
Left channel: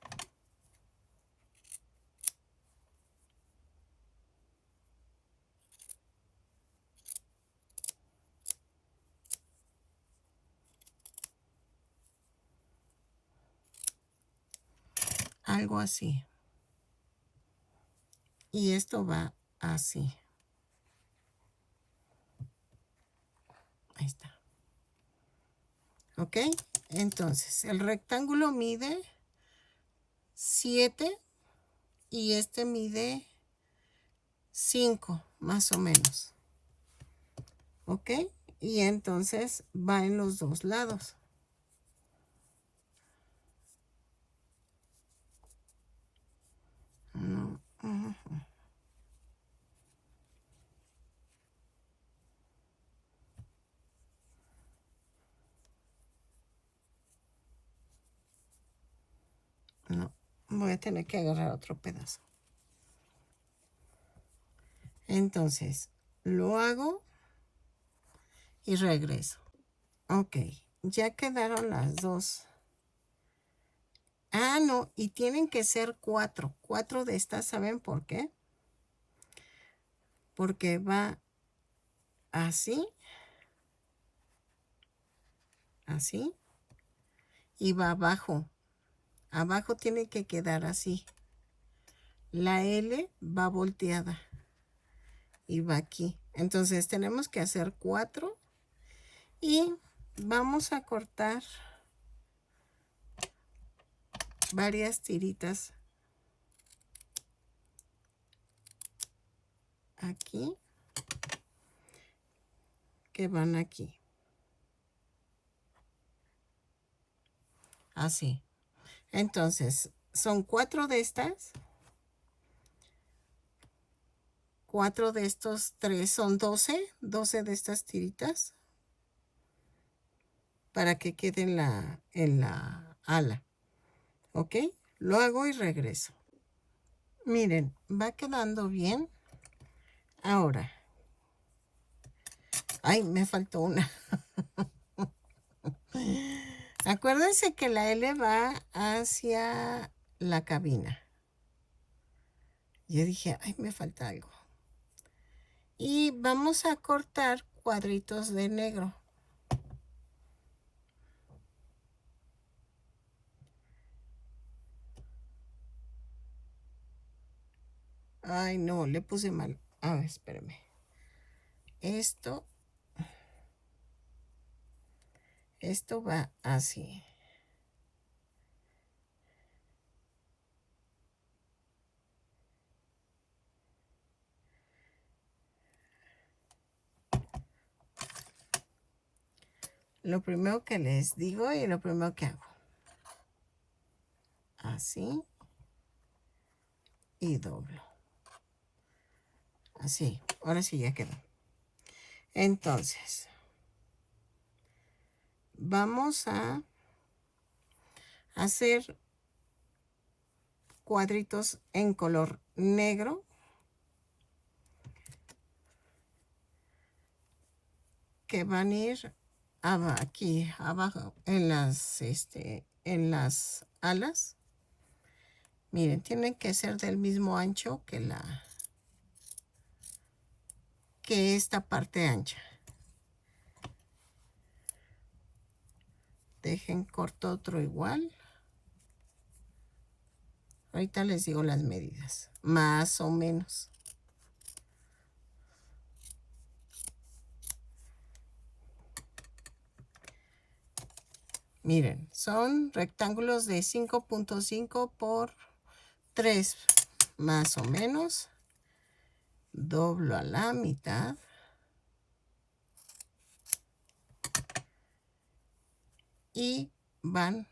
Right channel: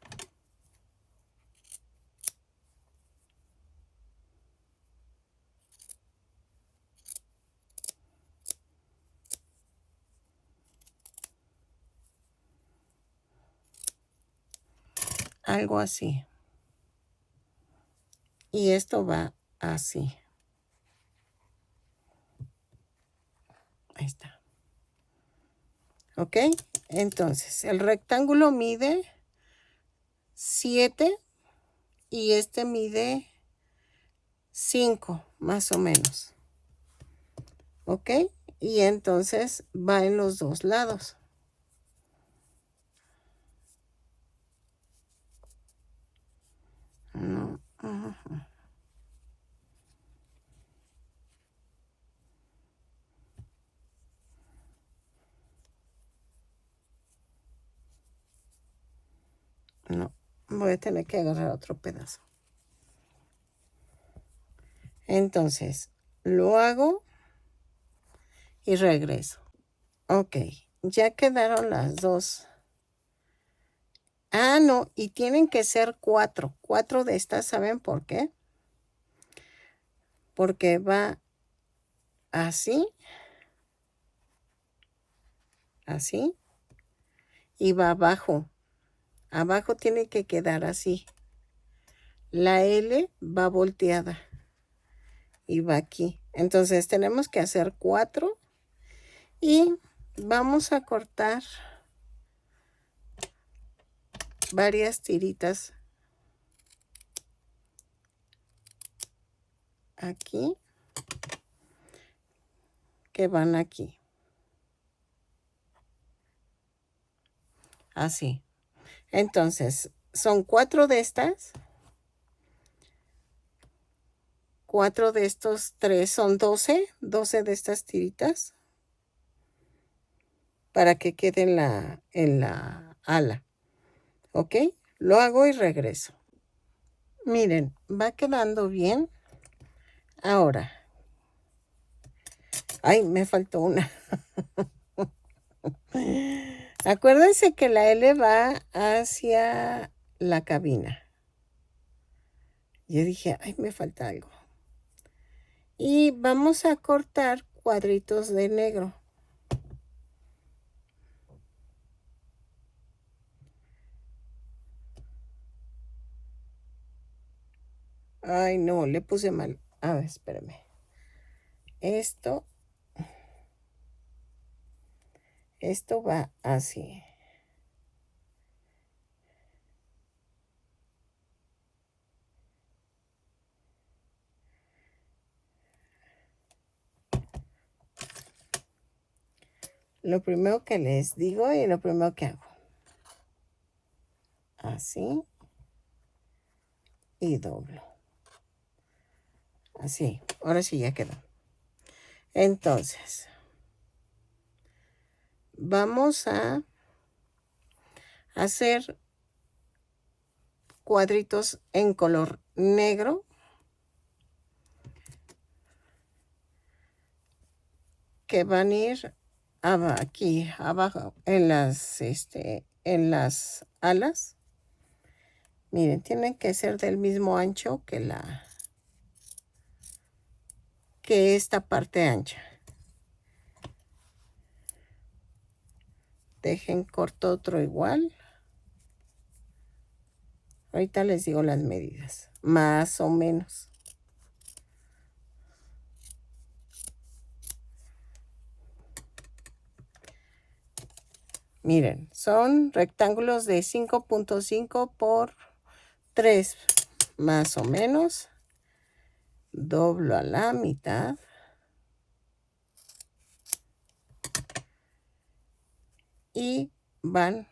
Algo así. Y esto va así. Ahí está. ¿Ok? Entonces, el rectángulo mide 7 y este mide 5, más o menos. ¿Ok? Y entonces va en los dos lados. No. No, voy a tener que agarrar otro pedazo. Entonces, lo hago y regreso. Ok, ya quedaron las dos. No, y tienen que ser 4. 4 de estas, ¿saben por qué? Porque va así, así, y va abajo. Abajo tiene que quedar así. La L va volteada y va aquí. Entonces tenemos que hacer 4 y vamos a cortar varias tiritas aquí que van aquí. Así. Entonces, son 4 de estas. 4 de estos 3 son 12. 12 de estas tiritas. Para que quede en la ala. ¿Ok? Lo hago y regreso. Miren, va quedando bien. Ahora, Ay, me faltó una. Acuérdense que la L va hacia la cabina. Yo dije, ay, me falta algo. Y vamos a cortar cuadritos de negro. Ay, no, le puse mal. A ver, espérame. Esto va así. Lo primero que les digo y lo primero que hago. Así. Y doblo. Así. Ahora sí ya quedó. Entonces, vamos a hacer cuadritos en color negro. Que van a ir aquí abajo en las alas. Miren, tienen que ser del mismo ancho que esta parte ancha. Dejen corto otro igual. Ahorita les digo las medidas, más o menos. Miren, son rectángulos de 5.5 por 3, más o menos. Doblo a la mitad. Y van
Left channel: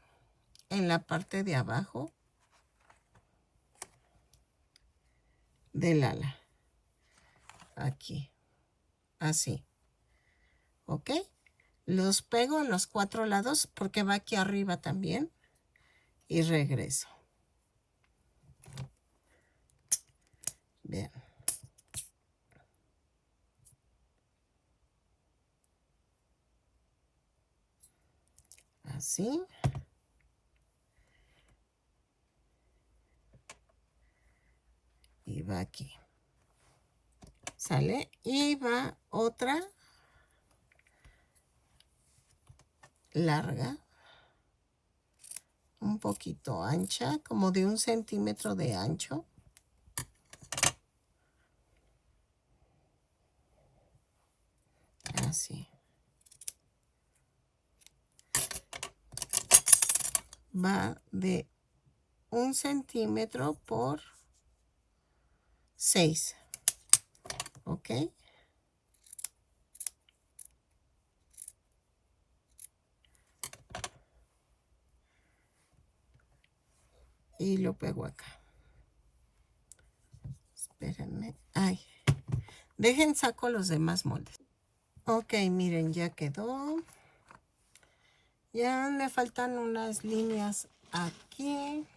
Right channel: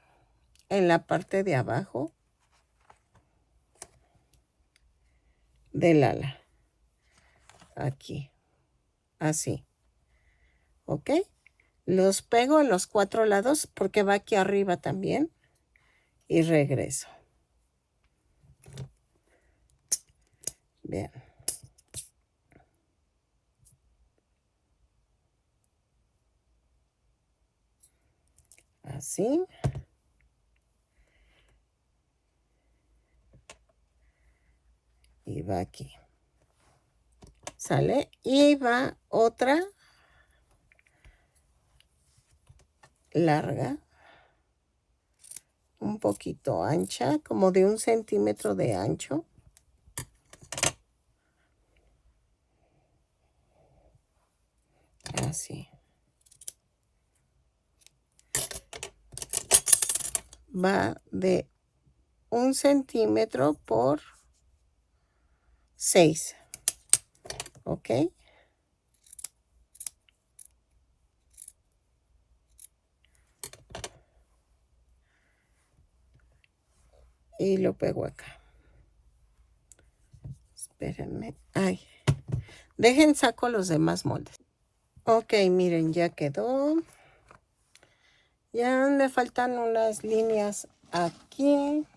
en la parte de abajo del ala. Aquí. Así. ¿Ok? Los pego en los 4 lados porque va aquí arriba también. Y regreso. Bien. Así. Y va aquí. ¿Sale? Y va otra larga. Un poquito ancha, como de 1 centímetro de ancho. Así. Va de 1 centímetro por 6. ¿Ok? Y lo pego acá. Espérenme. Ay. Dejen saco los demás moldes. Ok, miren, ya quedó. Ya me faltan unas líneas aquí.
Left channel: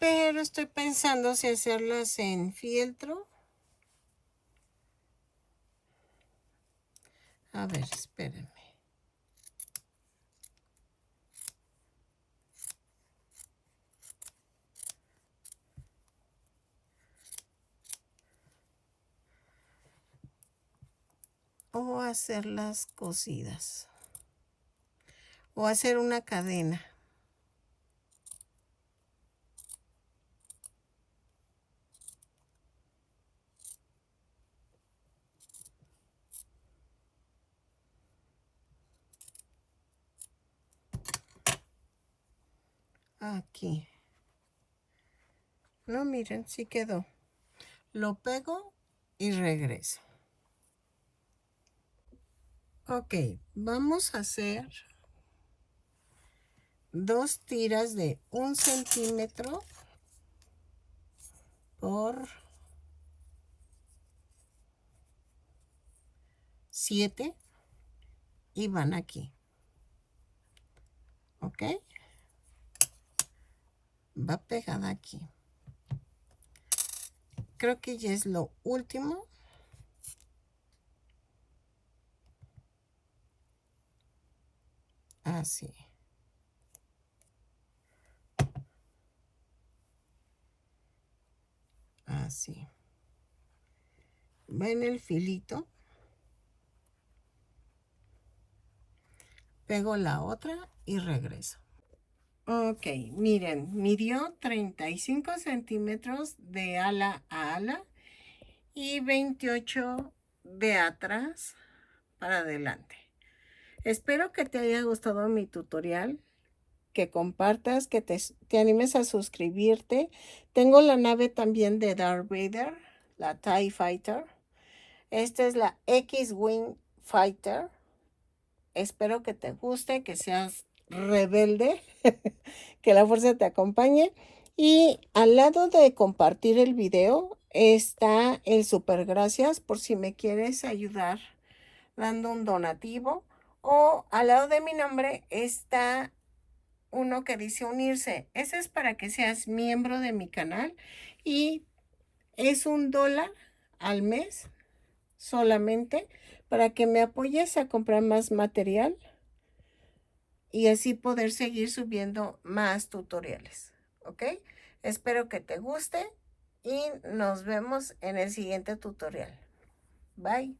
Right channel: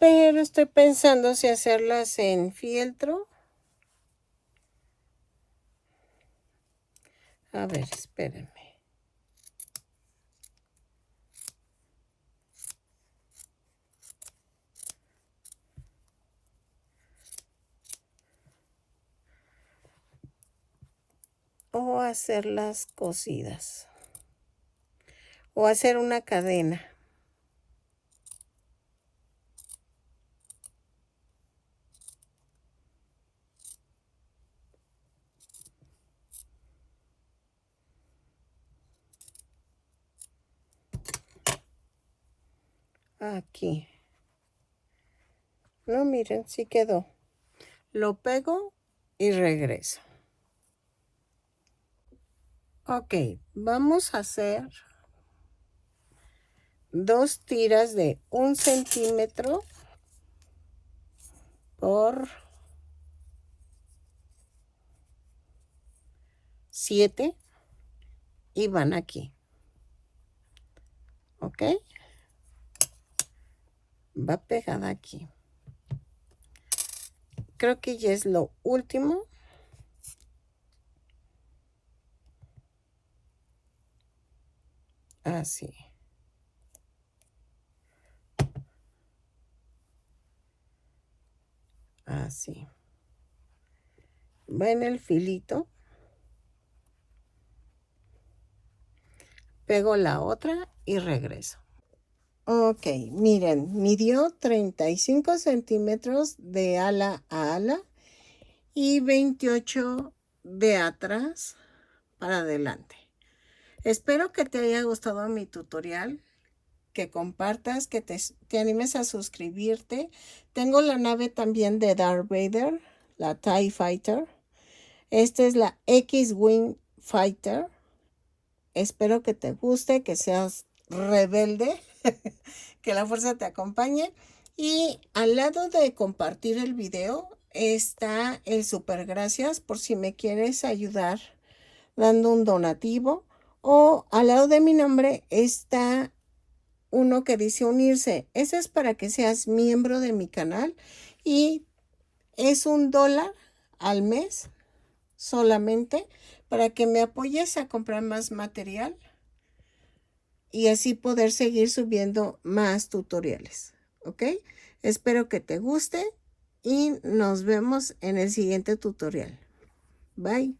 Pero estoy pensando si hacerlas en fieltro. A ver, espérenme. O hacerlas cosidas. O hacer una cadena. Aquí. No, miren, sí quedó. Lo pego y regreso. Ok, vamos a hacer 2 tiras de 1 centímetro por 7 y van aquí. ¿Ok? Va pegada aquí. Creo que ya es lo último. Así. Así. Va en el filito. Pego la otra y regreso. Ok, miren, midió 35 centímetros de ala a ala y 28 de atrás para adelante. Espero que te haya gustado mi tutorial, que compartas, que te animes a suscribirte. Tengo la nave también de Darth Vader, la TIE Fighter. Esta es la X-Wing Fighter. Espero que te guste, que seas rebelde, que la fuerza te acompañe. Y al lado de compartir el video está el super gracias por si me quieres ayudar dando un donativo. O al lado de mi nombre está uno que dice unirse. Ese es para que seas miembro de mi canal y es $1 al mes solamente para que me apoyes a comprar más material y así poder seguir subiendo más tutoriales. ¿Ok? Espero que te guste y nos vemos en el siguiente tutorial. Bye.